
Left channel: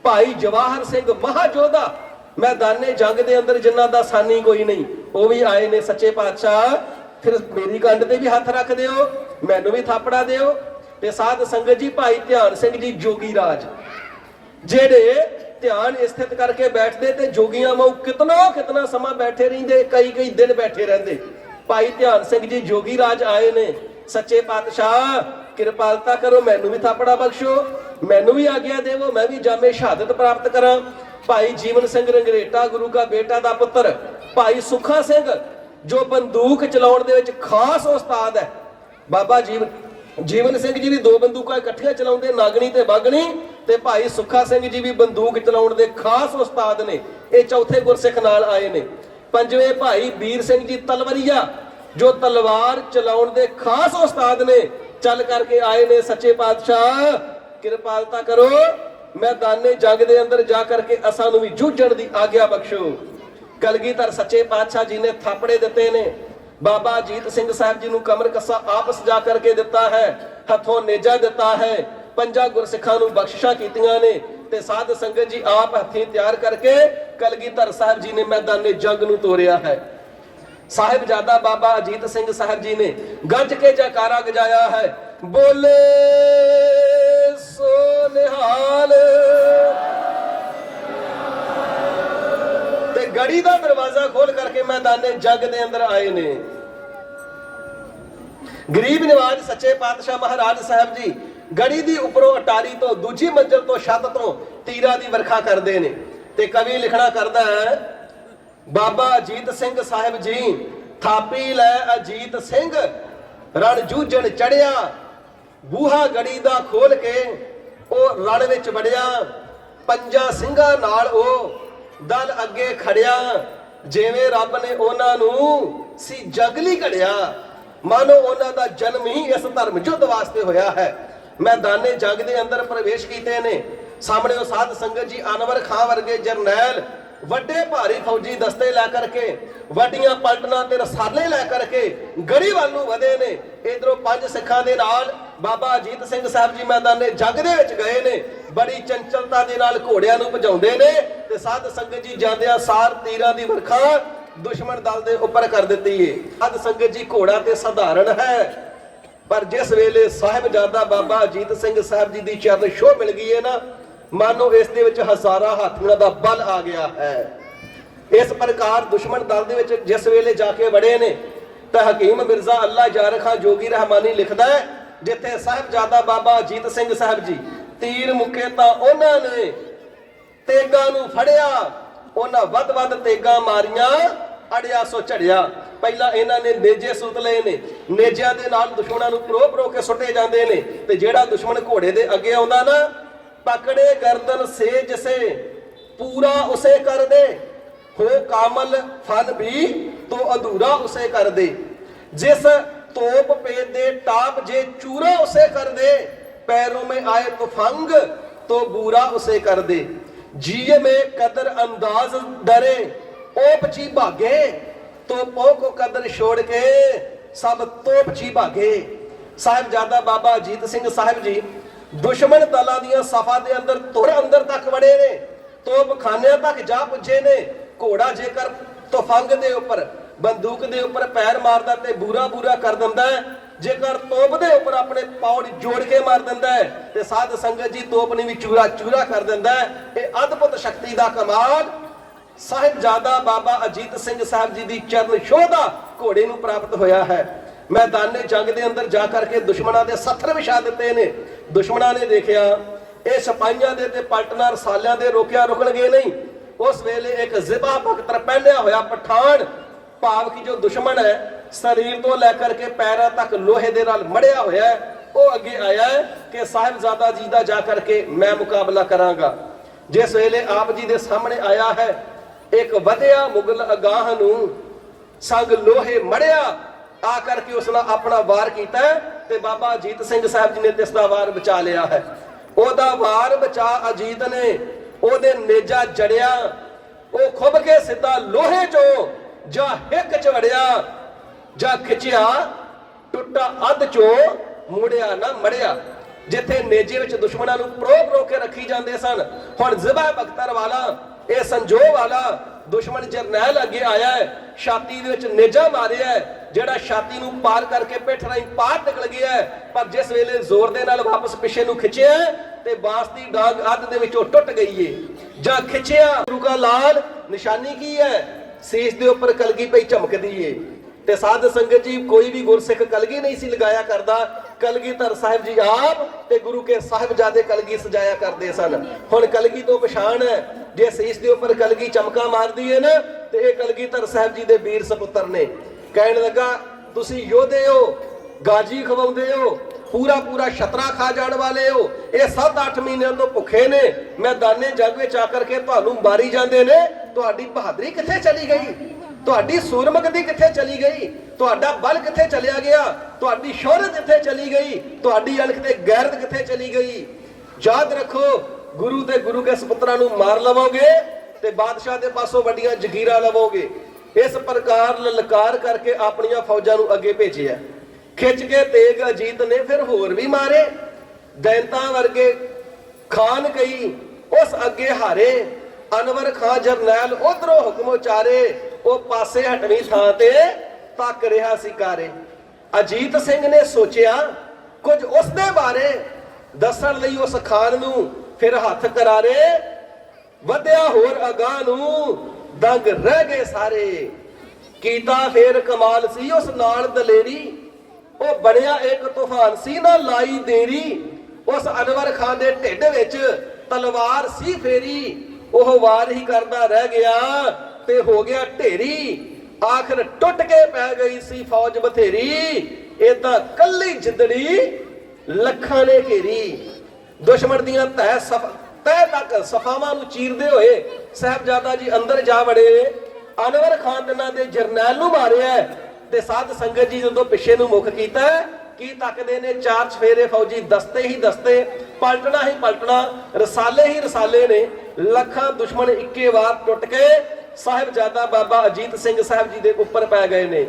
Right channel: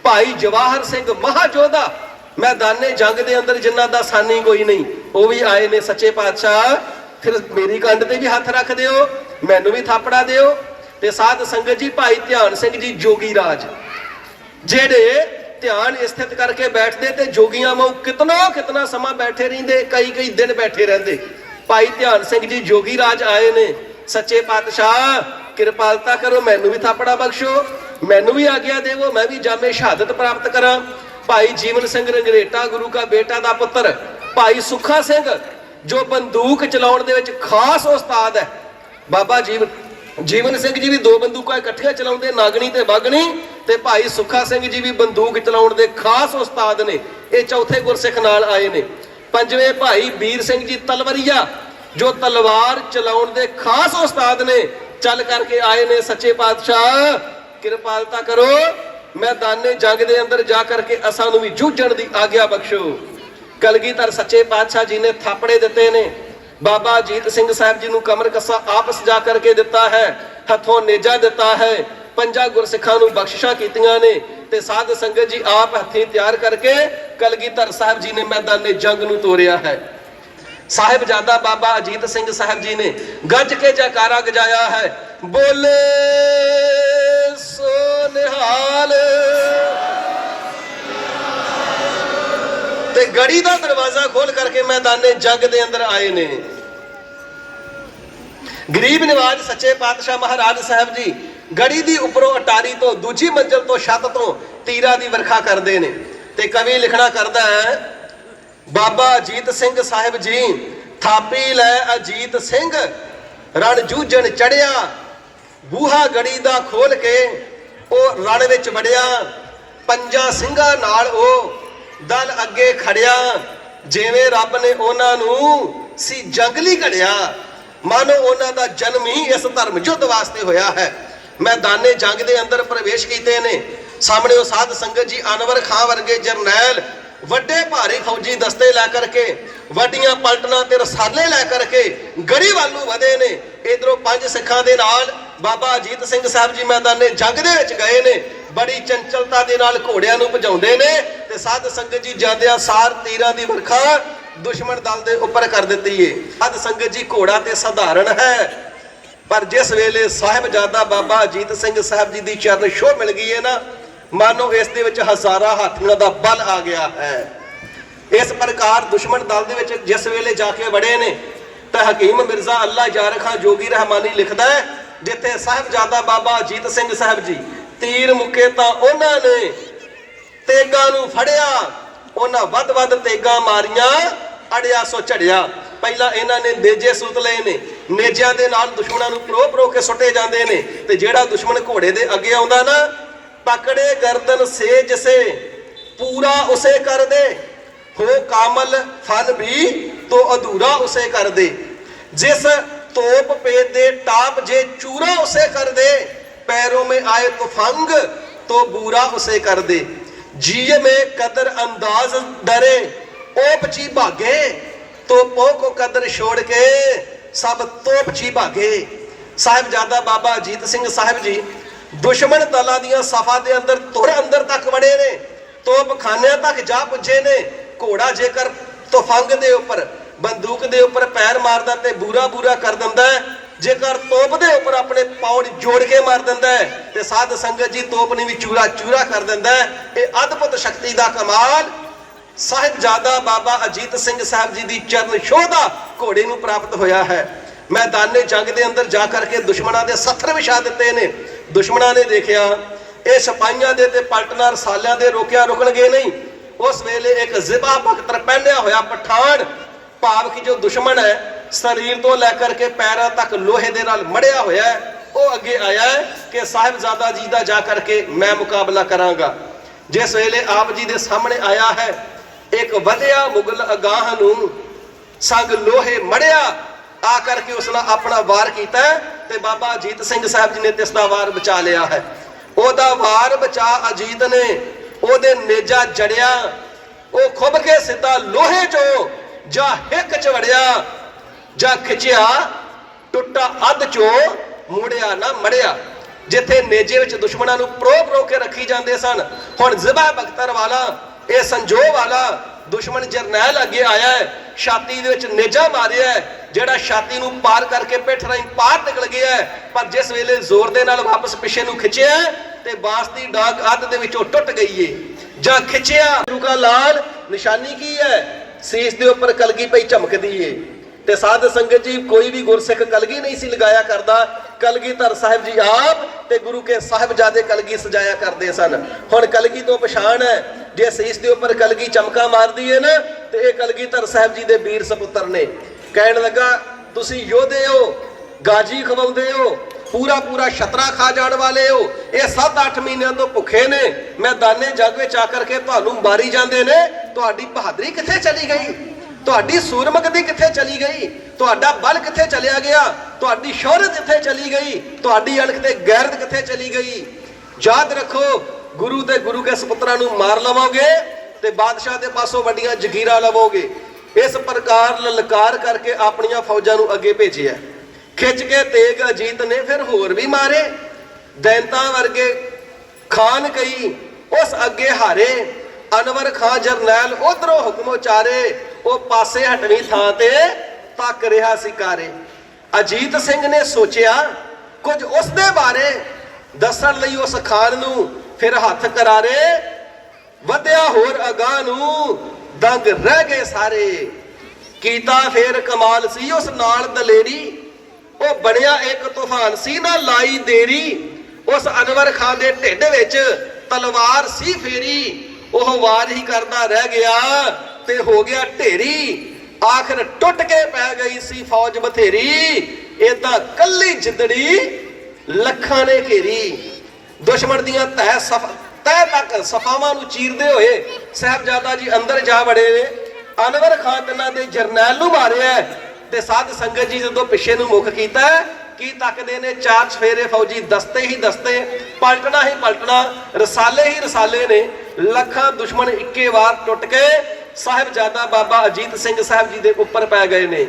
ਭਾਈ ਜਵਾਹਰ ਸਿੰਘ ਮਹਾਜੋਧਾ ਮੈਦਾਨੇ ਜੰਗ ਦੇ ਅੰਦਰ ਜਿਨ੍ਹਾਂ ਦਾ ਸਾਨੀ ਕੋਈ ਨਹੀਂ, ਉਹ ਵੀ ਆਏ ਨੇ। ਸੱਚੇ ਪਾਤਸ਼ਾਹ ਫਿਰ ਮੇਰੀ ਕੰਡ ਤੇ ਵੀ ਹੱਥ ਰੱਖ ਦਿਓ, ਮੈਨੂੰ ਵੀ ਥਾਪੜਾ ਦਿਓ। ਤੇ ਸਾਧ ਸੰਗਤ ਜੀ ਭਾਈ ਧਿਆਨ ਸਿੰਘ ਜੀ ਜੋਗੀ ਰਾਜ ਜਿਹੜੇ ਧਿਆਨ ਸਥਿਤ ਕਰਕੇ ਬੈਠਦੇ ਤੇ ਜੋਗੀਆਂ ਵਾਂਗ ਕਿਤਨਾ ਸਮਾਂ ਬੈਠੇ ਰਹਿੰਦੇ, ਕਈ ਦਿਨ ਬੈਠੇ ਰਹਿੰਦੇ। ਭਾਈ ਧਿਆਨ ਸਿੰਘ ਜੀ ਜੋਗੀ ਰਾਜ ਆਏ ਨੇ। ਸੱਚੇ ਪਾਤਸ਼ਾਹ ਕਿਰਪਾਲਤਾ ਕਰੋ, ਮੈਨੂੰ ਵੀ ਥਾਪੜਾ ਬਖਸ਼ੋ, ਮੈਨੂੰ ਵੀ ਆਗਿਆ ਦੇਵੋ, ਮੈਂ ਵੀ ਜਾਮੇ ਸ਼ਹਾਦਤ ਪ੍ਰਾਪਤ ਕਰਾਂ। ਭਾਈ ਜੀਵਨ ਸਿੰਘ ਰੰਗਰੇਟਾ ਗੁਰੂ ਕਾ ਬੇਟਾ ਦਾ ਪੁੱਤਰ, ਭਾਈ ਸੁੱਖਾ ਸਿੰਘ ਜੋ ਬੰਦੂਕ ਚਲਾਉਣ ਦੇ ਵਿੱਚ ਖਾਸ ਉਸਤਾਦ ਹੈ। ਬਾਬਾ ਜੀਵਨ ਸਿੰਘ ਜੀ ਵੀ 2 ਬੰਦੂਕਾਂ ਇਕੱਠੀਆਂ ਚਲਾਉਂਦੇ, ਨਾਗਣੀ ਤੇ ਬਾਗਣੀ, ਤੇ ਭਾਈ ਸੁੱਖਾ ਸਿੰਘ ਜੀ ਵੀ ਬੰਦੂਕ ਚਲਾਉਣ ਦੇ ਖਾਸ ਉਸਤਾਦ ਨੇ। ਇਹ ਚੌਥੇ ਗੁਰਸਿੱਖ ਨਾਲ ਆਏ ਨੇ। ਪੰਜਵੇਂ ਭਾਈ ਵੀਰ ਸਿੰਘ ਜੀ ਤਲਵਰੀਆ ਜੋ ਤਲਵਾਰ ਚਲਾਉਣ ਦੇ ਖਾਸ ਉਸਤਾਦ ਨੇ, ਚੱਲ ਕਰਕੇ ਆਏ ਨੇ। ਸੱਚੇ ਪਾਤਸ਼ਾਹ ਕਿਰਪਾਲਤਾ ਕਰੋ, ਮੈਦਾਨੇ ਜੰਗ ਦੇ ਅੰਦਰ ਜਾ ਕਰਕੇ ਅਸਾਂ ਨੂੰ ਵੀ ਜੂਝਣ ਦੀ ਆਗਿਆ ਬਖਸ਼ੋ। ਕਲਗੀਧਰ ਸੱਚੇ ਪਾਤਸ਼ਾਹ ਜੀ ਨੇ ਥਾਪੜੇ ਦਿੱਤੇ ਨੇ। ਬਾਬਾ ਅਜੀਤ ਸਿੰਘ ਸਾਹਿਬ ਜੀ ਨੂੰ ਕਮਰ ਕੱਸਾ ਆਪ ਸਜਾ ਕਰਕੇ ਦਿੱਤਾ ਹੈ, ਹੱਥੋਂ ਨੇਜਾ ਦਿੱਤਾ ਹੈ। 5 ਗੁਰਸਿੱਖਾਂ ਨੂੰ ਬਖਸ਼ਿਸ਼ਾਂ ਕੀਤੀਆਂ ਨੇ ਤੇ ਸਾਧ ਸੰਗਤ ਜੀ ਆਪ ਹੱਥੀਂ ਤਿਆਰ ਕਰਕੇ ਕਲਗੀਧਰ ਸਾਹਿਬ ਜੀ ਨੇ ਮੈਦਾਨੇ ਜੰਗ ਨੂੰ ਤੋਰਿਆ ਹੈ। ਸਾਹਿਬਜ਼ਾਦਾ ਬਾਬਾ ਅਜੀਤ ਸਿੰਘ ਸਾਹਿਬ ਜੀ ਨੇ ਗੱਜ ਕੇ ਜੈਕਾਰਾ ਗਜਾਇਆ ਹੈ, ਬੋਲੇ ਸੋ ਨਿਹਾਲ। ਤੇ ਗੜੀ ਦਾ ਦਰਵਾਜ਼ਾ ਖੋਲ ਕਰਕੇ ਮੈਦਾਨੇ ਜੰਗ ਦੇ ਅੰਦਰ ਆਏ ਨੇ। ਗਰੀਬ ਨਿਵਾਜ ਸੱਚੇ ਪਾਤਸ਼ਾਹ ਮਹਾਰਾਜ ਸਾਹਿਬ ਜੀ ਗੜੀ ਦੀ ਉੱਪਰੋਂ ਅਟਾਰੀ ਤੋਂ ਦੂਜੀ ਮੰਜ਼ਲ ਤੋਂ ਛੱਤ ਤੋਂ ਤੀਰਾਂ ਦੀ ਵਰਖਾ ਕਰਦੇ ਨੇ। ਤੇ ਕਵੀ ਲਿਖਣਾ ਕਰਦਾ ਹੈ, ਬਾਬਾ ਅਜੀਤ ਸਿੰਘ ਸਾਹਿਬ ਜੀ ਥਾਪੀ ਲੈ ਅਜੀਤ ਸਿੰਘ ਰਣ ਜੂਝਣ ਚੜਿਆ, ਬੂਹਾ ਗੜੀ ਦਾ ਖੋਲ ਕੇ ਉਹ ਰਣ ਵਿੱਚ ਵੜਿਆ, 5 ਸਿੰਘਾਂ ਨਾਲ ਉਹ ਦਲ ਅੱਗੇ ਖੜਿਆ, ਜਿਵੇਂ ਰੱਬ ਨੇ ਉਹਨਾਂ ਨੂੰ ਸੀ ਜੰਗਲੀ ਘੜਿਆ, ਮਾਨੋ ਉਹਨਾਂ ਦਾ ਜਨਮ ਹੀ ਇਸ ਧਰਮ ਯੁੱਧ ਵਾਸਤੇ ਹੋਇਆ ਹੈ। ਮੈਦਾਨੇ ਜੰਗ ਦੇ ਅੰਦਰ ਪ੍ਰਵੇਸ਼ ਕੀਤੇ ਨੇ। ਸਾਹਮਣੇ ਉਹ ਸਾਧ ਸੰਗਤ ਜੀ ਅਨਵਰ ਖਾਂ ਵਰਗੇ ਜਰਨੈਲ ਵੱਡੇ ਭਾਰੀ ਫੌਜੀ ਦਸਤੇ ਲੈ ਕਰਕੇ, ਵੱਡੀਆਂ ਪਲਟਨਾਂ ਤੇ ਰਸਾਲੇ ਲੈ ਕਰਕੇ ਗੜੀ ਵੱਲ ਨੂੰ ਵਧੇ ਨੇ। ਇਧਰੋਂ 5 ਸਿੱਖਾਂ ਦੇ ਨਾਲ ਬਾਬਾ ਅਜੀਤ ਸਿੰਘ ਸਾਹਿਬ ਜੀ ਮੈਦਾਨੇ ਜੰਗ ਦੇ ਵਿੱਚ ਗਏ ਨੇ। ਬੜੀ ਚੰਚਲਤਾ ਦੇ ਨਾਲ ਘੋੜਿਆਂ ਨੂੰ ਭਜਾਉਂਦੇ ਨੇ ਤੇ ਸਾਧ ਸੰਗਤ ਜੀ ਜਾਂਦਿਆਂ ਸਾਰ ਤੀਰਾਂ ਦੀ ਵਰਖਾ ਦੁਸ਼ਮਣ ਦਲ ਦੇ ਉੱਪਰ ਕਰ ਦਿੱਤੀ ਏ। ਸਾਧ ਸੰਗਤ ਜੀ ਘੋੜਾ ਤੇ ਸਧਾਰਨ ਹੈ, ਪਰ ਜਿਸ ਵੇਲੇ ਸਾਹਿਬਜ਼ਾਦਾ ਬਾਬਾ ਅਜੀਤ ਸਿੰਘ ਸਾਹਿਬ ਜੀ ਦੀ ਚਰਨ ਛੋਹ ਮਿਲ ਗਈ ਹੈ ਨਾ, ਮਾਨੋ ਇਸ ਦੇ ਵਿੱਚ ਹਜ਼ਾਰਾਂ ਹਾਥੀਆਂ ਦਾ ਬਲ ਆ ਗਿਆ ਹੈ। ਇਸ ਪ੍ਰਕਾਰ ਦੁਸ਼ਮਣ ਦਲ ਦੇ ਵਿੱਚ ਜਿਸ ਵੇਲੇ ਜਾ ਕੇ ਵੜੇ ਨੇ ਤਾਂ ਹਕੀਮ ਮਿਰਜ਼ਾ ਅੱਲਾ ਯਾਰ ਖਾਂ ਜੋਗੀ ਰਹਿਮਾਨੀ ਲਿਖਦਾ ਹੈ, ਜਿੱਥੇ ਸਾਹਿਬਜ਼ਾਦਾ ਬਾਬਾ ਅਜੀਤ ਸਿੰਘ ਸਾਹਿਬ ਜੀ ਤੀਰ ਮੁੱਕੇ ਤਾਂ ਉਹਨਾਂ ਨੇ ਤੇਗਾਂ ਨੂੰ ਫੜਿਆ, ਉਹਨਾਂ ਵੱਧ ਤੇਗਾਂ ਮਾਰੀਆਂ, ਅੜਿਆ ਸੋ ਝੜਿਆ। ਪਹਿਲਾਂ ਇਹਨਾਂ ਨੇ ਨੇਜੇ ਸੁੱਟ ਲਏ ਨੇ, ਨੇਜਿਆਂ ਦੇ ਨਾਲ ਦੁਸ਼ਮਣਾਂ ਨੂੰ ਪਰੋ ਕੇ ਸੁੱਟੇ ਜਾਂਦੇ ਨੇ। ਤੇ ਜਿਹੜਾ ਦੁਸ਼ਮਣ ਘੋੜੇ ਦੇ ਅੱਗੇ ਆਉਂਦਾ ਨਾ, ਪਕੜੇ ਗਰਦਨ ਸੇ ਜਿਸੇ ਪੂਰਾ ਉਸੇ ਕਰ ਦੇ, ਹੋ ਕਾਮਲ ਫਲ ਵੀ ਤੋ ਅਧੂਰਾ ਉਸੇ ਕਰ ਦੇ, ਜਿਸ तोप पे दे टाप जे चूरा उसे कर दे, पैरों में आए तुफंग तो बुरा उसे कर दे, जिये में कदर अंदाज डरे ओपची भागे, तो पो को कदर छोड़ के सब तोपची भागे। साहिबजादा बाबा अजीत सिंह साहिब जी दुश्मन दलों दी सफा दे अंदर तुर अंदर तक वड़े ने, तोप खाने तक जा पुजे ने। घोड़ा जेकर तुफंग दे उपर बंदूक दे उपर पैर मारदा ते बूरा बूरा कर दिंदा है, जेकर तोप दे उपर अपने पौड़ जोड़ के मार दिंदा है ते साध संगत जी तोप ने भी चूरा चूरा कर दिंदा है। ये अद्भुत शक्ति दा कमाल साहिबजादा बाबा अजीत सिंह साहब जी दी चरण छोह दा घोड़े नूं प्राप्त होया है। मैदाने जंग दे अंदर जा करके दुश्मनां दे सत्थर विछा दिते ने। दुश्मनां ने देखिया ये सिपाहियां दे ते पलटना रसालियां दे रोकिया रुकणगे नहीं। उस वेले एक जिबा बख्तर पहनिया होया पठान, भाव की जो दुश्मन है शरीर तो लैकर के पैरों तक लोहे दे नाल मड़िया होया है, वो अगे आया है कि साहिबजादा जी दा जा करके मैं मुकाबला करांगा। जिस वेले आप जी दे सामने आया है एक वधिया मुगल अगाह नूं संग लोहे मड़िया आ करके उसने अपना वार किया है ते बाबा अजीत सिंह साहब जी ने तिसदा वार बचा लिया है। ओदा वार बचा अजीत ने ओदे नेजा जड़िया, वो खुब के सीधा लोहे चो जा हिक च वड़िया, जा खिंचिया टुटा अध चो मुड़िया ना मड़िया। जिथे नेजे विच दुश्मनां नूं प्रो के रखी जांदे सन, हुण जिबा बख्तर वाला ये संजो वाला दुश्मन जरनैल अगे आया है, छाती दे विच नेजा मारिया है, जेड़ा छाती नूं पार करके पिठ राहीं पार निकल गया है। पर जिस वेले जोर दे नाल वापस पिछे नूं खिंचिया ते बास दी डाग अध दे विचों टुट गई है। जा खिंचिया गुरु का लाल निशानी की है, सीस दे उपर कलगी पई झमकदी है। ते साध संगत जी कोई भी गुरसिख कलगी नहीं सी लगाया करदा, कलगीधर साहिब जी आप ते गुरु के साहिबजादे कलगी सजाया करते सन। हुण कलगी तो पछाण है, जे सीस दे उपर कलगी चमका मारदी है ना ते ये कलगीधर साहिब जी दे वीर सपुत्र ने। कहण लगा तुसी योधे हो, गाजी खवाउंदे हो, पूरा पूरा छतरा खा जाने वाले हो, ये 7-8 महीनों तो भुखे ने, मैदाने जंग विच आकर के तुहानू मारी जांदे ने, तुहाडी बहादुरी कित्थे चली गई, तुहाडी सूरमगदी कित्थे चली गई, तुहाडा बल कित्थे चलिया गया, तुहाडी शोहरत कित्थे चली गई, तुहाडी अणख ते गैरत कित्थे चली गई। याद रखो गुरु ते गुरु के सपुत्रां नू मार लवोगे ते बादशाह दे पासों वड्डियां जगीरां लवोगे। इस प्रकार ललकार करके अपनियां फौजां नू अगे भेजिया। खिंच के तेग अजीत ने फिर होर भी मारे, दैंता वर्गे खान कई उस अगे हारे, अनवर खां जरनैल उधरों हुक्म उचारे, वो पासे हटवी थां ते तक रहा सिकारे। अजीत सिंह ने सोचिया कुछ उसदे बारे दसन लई उस खान नू, फिर हथ करारे वधिया होर अगाह नू, दंग रह गए सारे। कीता फिर कमाल सी उस नाल दलेरी, ਉਹ ਬਣਿਆ एक तूफान सी ना लाई देरी। उस अनवर खान दे ढिड विच तलवार सी फेरी, ਉਹ वार ही करदा रह गया ते हो गया ढेरी। आखिर टुट के पै गई सी फौज बथेरी, ਇਹ ਤਾਂ ਕੱਲੀ ਜਿੰਦੜੀ ਲੱਖਾਂ ने घेरी। दुश्मन दियां तह तक सफावां नूं चीरदे होए साहिबजादा जी अंदर जा वड़े। अनवर खान तिन्हां दे जरनैल नूं मारिया ते साध संगत जी जो पिछे नूं मुख कीता की तकदे ने, 4 चफेरे फौजी दस्ते ही दस्ते, पलटना ही पलटना, रसाले ही रसाले ने। लखां दुश्मन इक्के वार टुट के साहिबजादा बाबा अजीत सिंह साहब जी दे उपर पै गए ने।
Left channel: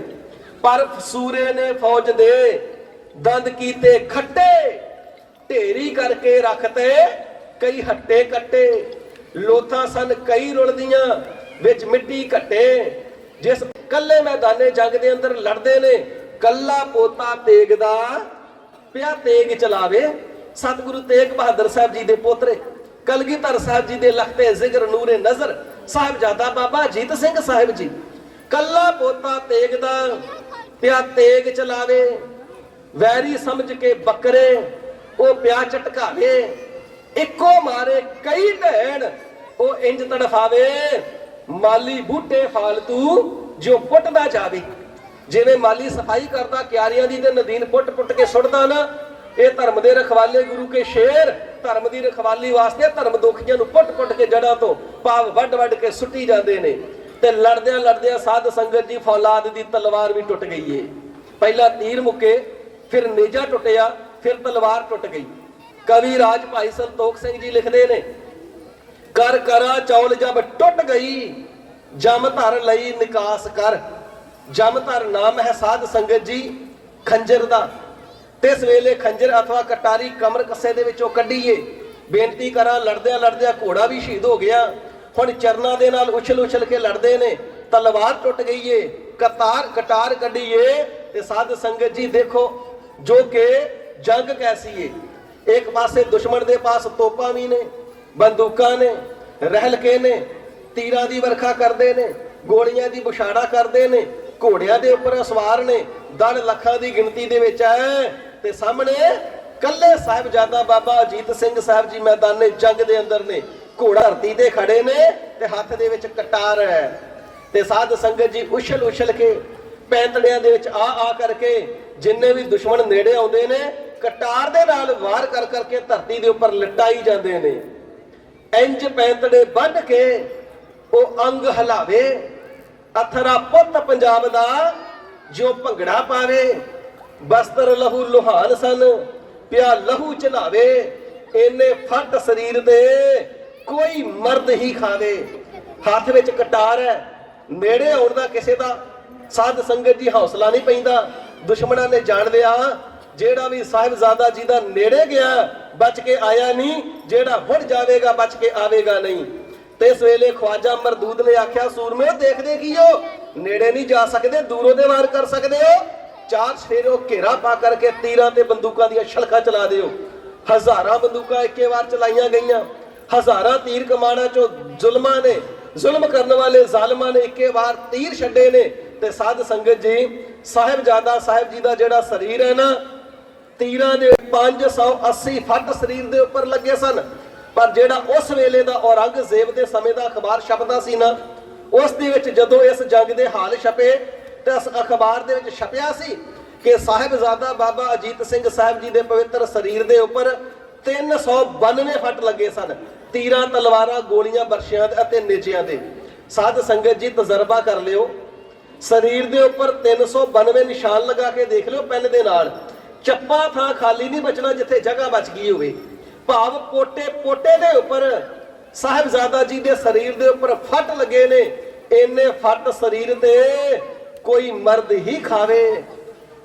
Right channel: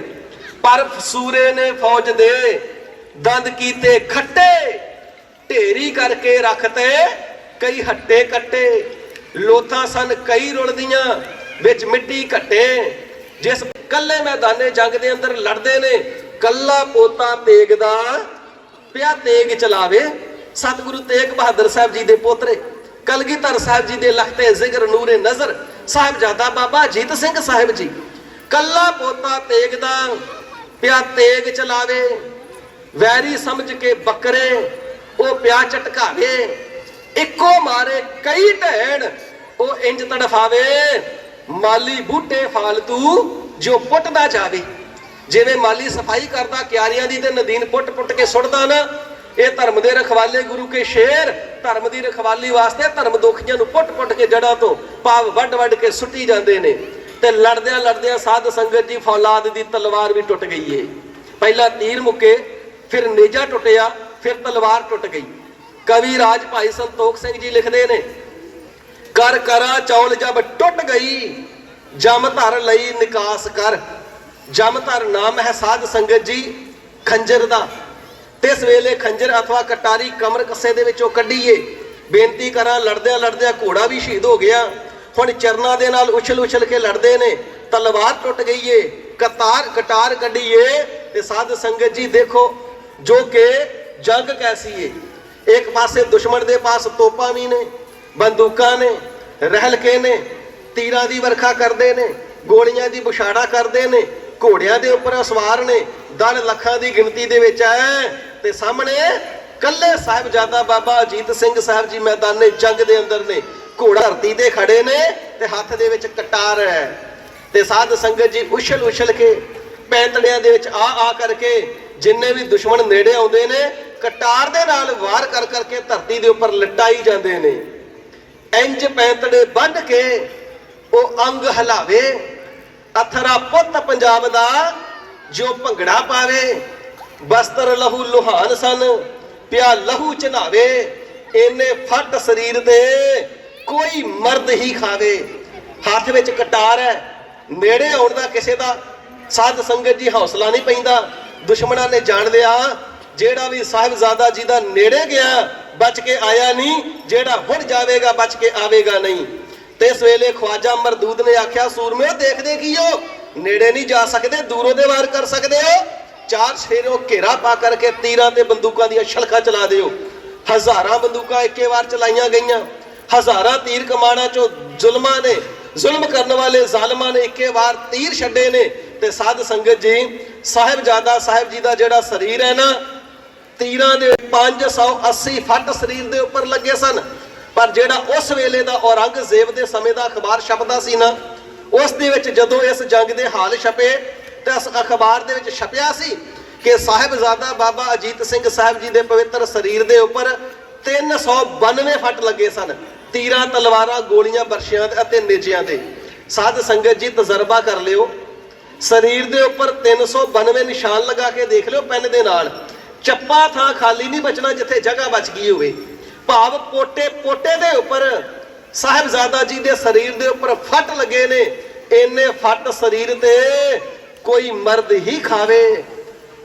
पर सूरे ने फौज दे दंद कीते खट्टे, ढेरी करके रखते कई हट्टे कट्टे। लोथां सन कई रुलदियां विच मिट्टी घट्टे, जिस कल्ले मैदाने जंग दे अंदर लड़दे ने, कल्ला पोता तेग दा पिया तेग चलावे। सतगुरु तेग बहादुर साहब जी दे पोतरे कलगीधर साहब जी दे लखते जिगर नूरे नजर साहिबजादा बाबा अजीत सिंह साहिब जी, कल्ला पोता तेग दा पिया तेग चलावे। वैरी समझ के बकरे ओ पिया झटकावे, इको मारे कई ढैण ओ इंज तड़फावे। माली बूटे फालतू जो पुटदा जावे, जिवें माली सफाई करदा क्यारियां दी ते नदीन पुट पुट के सुटदा ना, ये धर्म दे रखवाले गुरु के शेर धर्म दी रखवाली वास्ते धर्म दोखियां नूं पुट पुट के जड़ां तो भाव वड वड के सुट्टी जांदे ने। ते लड़दियां लड़दियां साध संगत जी फौलाद दी तलवार भी टुट गई है। पहला तीर मुके, फिर नेजा टुटिया, फिर तलवार टुट गई। कवि राज भाई संतोख सिंह जी लिखते ने, कर करा चौल जब टुट गई, जम धर लई निकास कर। जम धर नाम है साध संगत जी खंजर दा, तिस वेले खंजर अथवा कटारी कमर कस्से दे विचों कढीए। बेनती करा लड़दिया लड़दिया घोड़ा भी शहीद हो गया, हुण चरना दे नाल उछल उछल के लड़दे ने, तलवार टुट गई है, कटार कढीए। ते साध संगत जी देखो जो के जंग कैसी है। एक पासे दुश्मन दे पास तोपां भी ने, बंदूकां ने, रहलके ने, तीरां दी वर्खा करदे ने, गोलियां दी बुछाड़ा करदे ने, घोड़ियां दे उपर सवार ने, दल लखां दी गिनती दे विच है। ते सामने कल्ले साहिबजादा बाबा अजीत सिंह साहब जी मैदाने जंग दे अंदर ने, घोड़ा धरती ते खड़े ने ते हत्थ दे विच कटार है। ते साध संगत जी उछल उछल के पैंतड़ियां दे विच आ करके जिन्ने भी दुश्मन नेड़े आउंदे ने, कटार दे नाल वार कर करके धरती दे उपर लटाई जांदे ने। इंज पैंतड़े बन के वो अंग हिलावे, अथरा पुत पंजाब दा जो भंगड़ा पावे। बस्तर लहू लुहान सन पिया लहू चनावे, इन्ने फट शरीर दे कोई मर्द ही खावे। हाथ विच कटार है, नेड़े आउण दा किसे दा साध संगत जी हौसला नहीं पैंदा। दुश्मनां ने जान लिया जेड़ा भी साहिबजादा जी दा नेड़े गया बच के आया नहीं, जेड़ा हुण जावेगा बच के आवेगा नहीं। ते इस वेले ख्वाजा मरदूद ने आख्या, सूरमे देखदे की हो, नेड़े नहीं जा सकते, दूरों दे वार कर सकते हो। 4 चफेरों घेरा पा करके तीरां ते बंदूकां दी छलखा चला दिओ। हज़ारां बंदूकां इक्के वार चलाईयां गईयां, हज़ारां तीर कमाना चो जुल्मां ने, जुल्म करने वाले जालमां ने इक्के वार तीर छड्डे ने। ते साध संगत जी साहिबजादा साहिब जी दा जिहड़ा शरीर है ना, ਤੀਰਾਂ ਦੇ 580 ਫੱਟ ਸਰੀਰ ਦੇ ਉੱਪਰ ਲੱਗੇ ਸਨ। ਪਰ ਜਿਹੜਾ ਉਸ ਵੇਲੇ ਦਾ ਔਰੰਗਜ਼ੇਬ ਦੇ ਸਮੇਂ ਦਾ ਅਖਬਾਰ ਛਪਦਾ ਸੀ ਨਾ, ਉਸ ਦੇ ਵਿੱਚ ਜਦੋਂ ਇਸ ਜੰਗ ਦੇ ਹਾਲ ਛਪੇ ਤੇ ਉਸ ਅਖਬਾਰ ਦੇ ਵਿੱਚ ਛਪਿਆ ਸੀ ਕਿ ਸਾਹਿਬਜ਼ਾਦਾ ਬਾਬਾ ਅਜੀਤ ਸਿੰਘ ਸਾਹਿਬ ਜੀ ਦੇ ਪਵਿੱਤਰ ਸਰੀਰ ਦੇ ਉੱਪਰ 392 ਫੱਟ ਲੱਗੇ ਸਨ, ਤੀਰਾਂ, ਤਲਵਾਰਾਂ, ਗੋਲੀਆਂ, ਬਰਸ਼ਿਆਂ ਅਤੇ ਨੇਜਿਆਂ ਦੇ। ਸਾਧ ਸੰਗਤ ਜੀ ਤਜਰਬਾ ਕਰ ਲਿਓ, ਸਰੀਰ ਦੇ ਉੱਪਰ 392 ਨਿਸ਼ਾਨ ਲਗਾ ਕੇ ਦੇਖ ਲਿਓ ਪੈਨ ਦੇ ਨਾਲ। ਚੱਪਾ ਥਾਂ ਖਾਲੀ ਨਹੀਂ ਬਚਣਾ ਜਿੱਥੇ ਜਗ੍ਹਾ ਬਚ ਗਈ ਹੋਵੇ। ਭਾਵ ਪੋਟੇ ਪੋਟੇ ਦੇ ਉੱਪਰ ਸਾਹਿਬਜ਼ਾਦਾ ਜੀ ਦੇ ਸਰੀਰ ਦੇ ਉੱਪਰ ਫੱਟ ਲੱਗੇ ਨੇ। ਇੰਨੇ ਫੱਟ ਸਰੀਰ ਤੇ ਕੋਈ ਮਰਦ ਹੀ ਖਾਵੇ।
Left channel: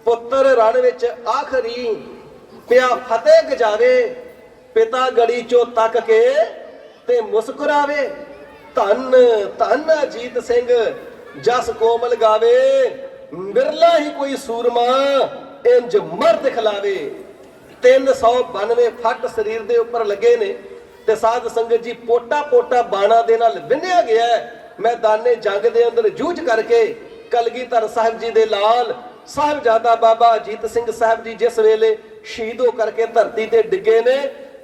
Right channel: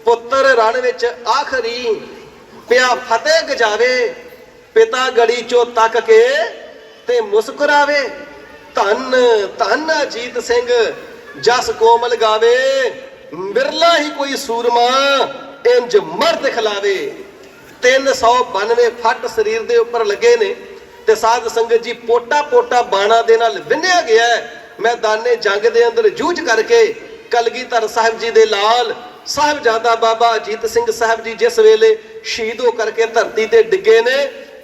ਪੁੱਤਰ ਰਣ ਵਿੱਚ ਆਖਰੀ ਪਿਆ ਫਤਿਹ ਗਜਾਵੇ, ਪਿਤਾ ਗੜੀ ਚੋਂ ਤੱਕ ਕੇ ਤੇ ਮੁਸਕਰਾਵੇ। ਧੰਨ ਧੰਨ ਅਜੀਤ ਸਿੰਘ ਜਸ ਕੋਮਲ ਗਾਵੇ, ਬਿਰਲਾ ਹੀ ਕੋਈ ਸੂਰਮਾ ਇੰਜ ਮਰਦ ਖਿਲਾਵੇ। 392 ਫੱਟ ਸਰੀਰ ਦੇ ਉੱਪਰ ਲੱਗੇ ਨੇ ਤੇ ਸਾਧ ਸੰਗਤ ਜੀ ਪੋਟਾ ਪੋਟਾ ਬਾਣਾ ਦੇ ਨਾਲ ਵਿੰਨਿਆ ਗਿਆ ਹੈ। ਮੈਦਾਨੇ ਜੰਗ ਦੇ ਅੰਦਰ ਜੂਝ ਕਰਕੇ ਕਲਗੀਧਰ ਸਾਹਿਬ ਜੀ ਦੇ ਲਾਲ ਸਾਹਿਬਜ਼ਾਦਾ ਬਾਬਾ ਅਜੀਤ ਸਿੰਘ ਸਾਹਿਬ ਜੀ ਜਿਸ ਵੇਲੇ ਸ਼ਹੀਦ ਹੋ ਕਰਕੇ ਧਰਤੀ ਤੇ ਡਿੱਗੇ ਨੇ,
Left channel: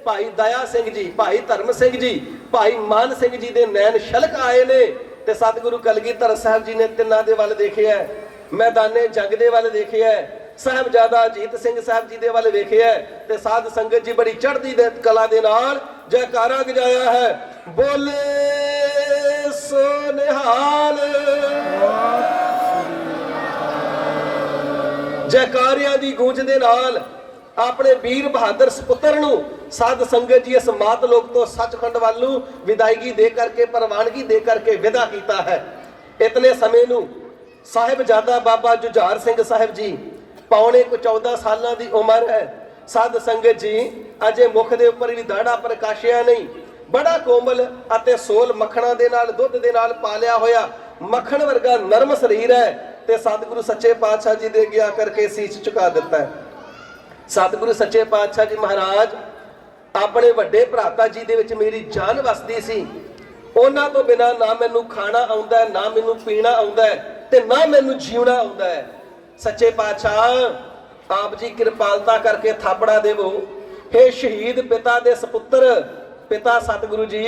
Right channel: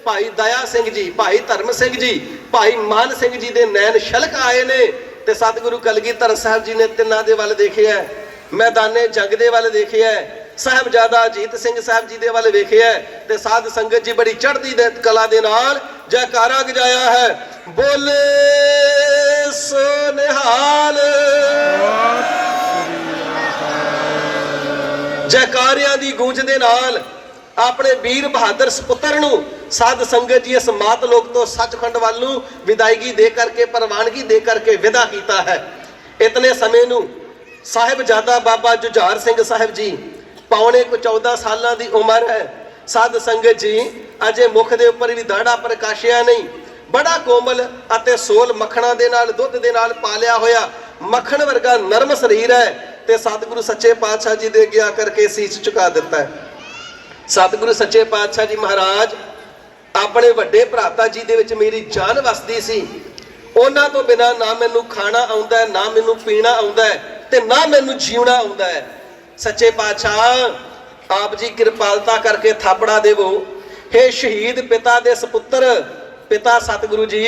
ਭਾਈ ਦਇਆ ਸਿੰਘ ਜੀ, ਭਾਈ ਧਰਮ ਸਿੰਘ ਜੀ, ਭਾਈ ਮਾਨ ਸਿੰਘ ਜੀ ਦੇ ਨੈਣ ਛਲਕ ਆਏ ਨੇ ਤੇ ਸਤਿਗੁਰੂ ਕਲਗੀਧਰ ਸਾਹਿਬ ਜੀ ਨੇ ਤਿੰਨਾਂ ਦੇ ਵੱਲ ਦੇਖਿਆ, ਮੈਦਾਨੇ ਜੰਗ ਦੇ ਵੱਲ ਦੇਖਿਆ, ਸਾਹਿਬਜ਼ਾਦਾ ਅਜੀਤ ਸਿੰਘ ਸਾਹਿਬ ਜੀ ਦੇ ਵੱਲ ਵੇਖਿਆ ਤੇ ਸਾਧ ਸੰਗਤ ਜੀ ਬੜੀ ਚੜ੍ਹਦੀ ਦੇ ਕਲਾ ਦੇ ਨਾਲ ਜੈਕਾਰਾ ਗਜਾਇਆ ਹੈ। ਬੋਲੇ ਸੋ ਨਿਹਾਲ। ਜੈਕਾਰਿਆਂ ਦੀ ਗੂੰਜ ਦੇ ਨਾਲ ਆਪਣੇ ਵੀਰ ਬਹਾਦਰ ਸਪੁੱਤਰ ਨੂੰ ਸਾਧ ਸੰਗਤ ਜੀ ਇਸ ਮਾਤ ਲੋਕ ਤੋਂ ਸੱਚਖੰਡ ਵੱਲ ਨੂੰ ਵਿਦਾਇਗੀ ਦੇ ਕਰਕੇ, ਪ੍ਰਵਾਨਗੀ ਦੇ ਕਰਕੇ ਵਿਦਾ ਕੀਤਾ ਹੈ। ਇਤਨੇ ਸਮੇਂ ਨੂੰ ਸਾਹਿਬਜ਼ਾਦਾ ਬਾਬਾ ਜੁਝਾਰ ਸਿੰਘ ਸਾਹਿਬ ਜੀ ਪੌਣੇ ਕੋ 14 ਸਾਲਾਂ ਦੀ ਉਮਰ ਹੈ। ਸਾਧ ਸੰਗਤ ਜੀ ਅਜੇ ਮੁਖ ਦੇ ਉੱਪਰ ਵੀ ਦਾੜਾ ਪ੍ਰਕਾਸ਼ਿਆ ਨਹੀਂ। ਬੜਾ ਕੋਮਲ ਅਤੇ ਸੋਲ ਮੱਖਣਾ ਦੇ ਨਾਲ, ਦੁੱਧ ਦੇ ਨਾਲ ਪਾਲਿਆ ਹੋਇਆ ਮੱਖਣ ਵਰਗਾ ਨਰਮ ਸਰੀਰ ਹੈ ਤੇ ਸਤਿਗੁਰੂ ਸੱਚੇ ਪਾਤਸ਼ਾਹ ਜੀ ਦੇ ਅੱਗੇ ਆ ਕਰਕੇ ਸੀਸ ਝੁਕਾ ਦਿੱਤਾ ਹੈ। ਸਤਿਗੁਰੂ ਸੱਚੇ ਪਾਤਸ਼ਾਹ ਜੀ ਮਹਾਰਾਜ ਆਪਣੇ ਵੱਡੇ ਭਰਾਤਾ ਜੀ ਦੇ ਵਿੱਚ ਮੇਰੀ ਜਾਨ ਵਸਦੀ ਸੀ। ਉਹਨਾਂ ਤੋਂ ਬਿਨਾ ਨਾ ਮੈਨੂੰ ਖਾਣਾ ਆਉਂਦਾ, ਨਾ ਮੈਨੂੰ ਪੀਣਾ ਆਉਂਦਾ ਤੇ ਨਾ ਮੈਨੂੰ ਜੀਉਣਾ ਆਉਂਦਾ ਹੈ। ਸੱਚੇ ਪਾਤਸ਼ਾਹ ਆਪ ਜੀ ਕਿਰਪਾਲਤਾ ਕਰਕੇ ਥਾਪੜਾ ਦੇਵੋ। हे ਸ਼ਹੀਦ ਪਿਤਾ ਦੇ ਸਪੁੱਤਰ, ਪਿਤਾ ਸਤਿਗੁਰੂ ਜੀ,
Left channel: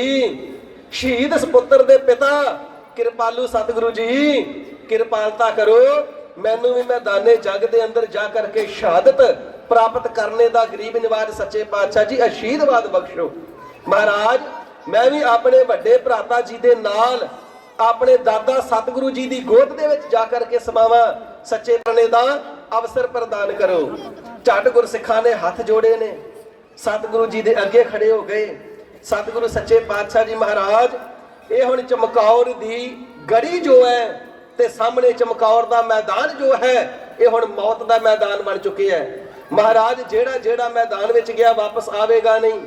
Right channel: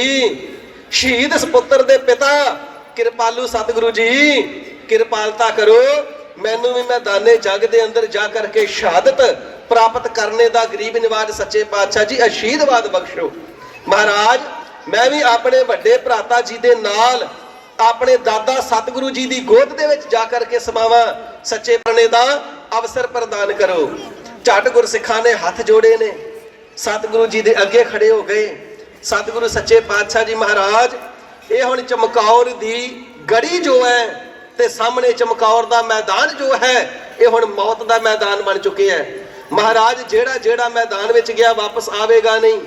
ਸ਼ਹੀਦ ਸਪੁੱਤਰ ਦੇ ਪਿਤਾ ਕਿਰਪਾਲੂ ਸਤਿਗੁਰੂ ਜੀ, ਕਿਰਪਾਲਤਾ ਕਰੋ, ਮੈਨੂੰ ਵੀ ਮੈਦਾਨੇ ਜੰਗ ਦੇ ਅੰਦਰ ਜਾ ਕਰਕੇ ਸ਼ਹਾਦਤ ਪ੍ਰਾਪਤ ਕਰਨੇ ਦਾ ਗਰੀਬ ਨਿਵਾਜ ਸੱਚੇ ਪਾਤਸ਼ਾਹ ਜੀ ਅਸ਼ੀਰਵਾਦ ਬਖਸ਼ੋ। ਮਹਾਰਾਜ ਮੈਂ ਵੀ ਆਪਣੇ ਵੱਡੇ ਭਰਾਤਾ ਜੀ ਦੇ ਨਾਲ ਆਪਣੇ ਦਾਦਾ ਸਤਿਗੁਰੂ ਜੀ ਦੀ ਗੋਦ ਦੇ ਵਿੱਚ ਜਾ ਕਰਕੇ ਸਮਾਵਾਂ, ਸੱਚੇ ਬਣਨੇ ਦਾ ਅਵਸਰ ਪ੍ਰਦਾਨ ਕਰੋ। ਝੱਟ ਗੁਰਸਿੱਖਾਂ ਨੇ ਹੱਥ ਜੋੜੇ ਨੇ, ਸਤਿਗੁਰੂ ਜੀ ਦੇ ਅੱਗੇ ਖੜੇ ਹੋ ਗਏ। ਸਤਿਗੁਰੂ ਸੱਚੇ ਪਾਤਸ਼ਾਹ ਜੀ ਮਹਾਰਾਜ ਇਹ ਹੁਣ ਚਮਕੌਰ ਦੀ ਗੜੀ ਜੋ ਹੈ ਤੇ ਸਾਹਮਣੇ ਚਮਕੌਰ ਦਾ ਮੈਦਾਨ ਜੋ ਹੈ ਇਹ ਹੁਣ ਮੌਤ ਦਾ ਮੈਦਾਨ ਬਣ ਚੁੱਕਿਆ ਹੈ। ਮਹਾਰਾਜ ਜਿਹੜਾ ਜਿਹੜਾ ਮੈਦਾਨ ਵਿੱਚ ਗਿਆ ਵਾਪਸ ਆਵੇਗਾ ਨਹੀਂ।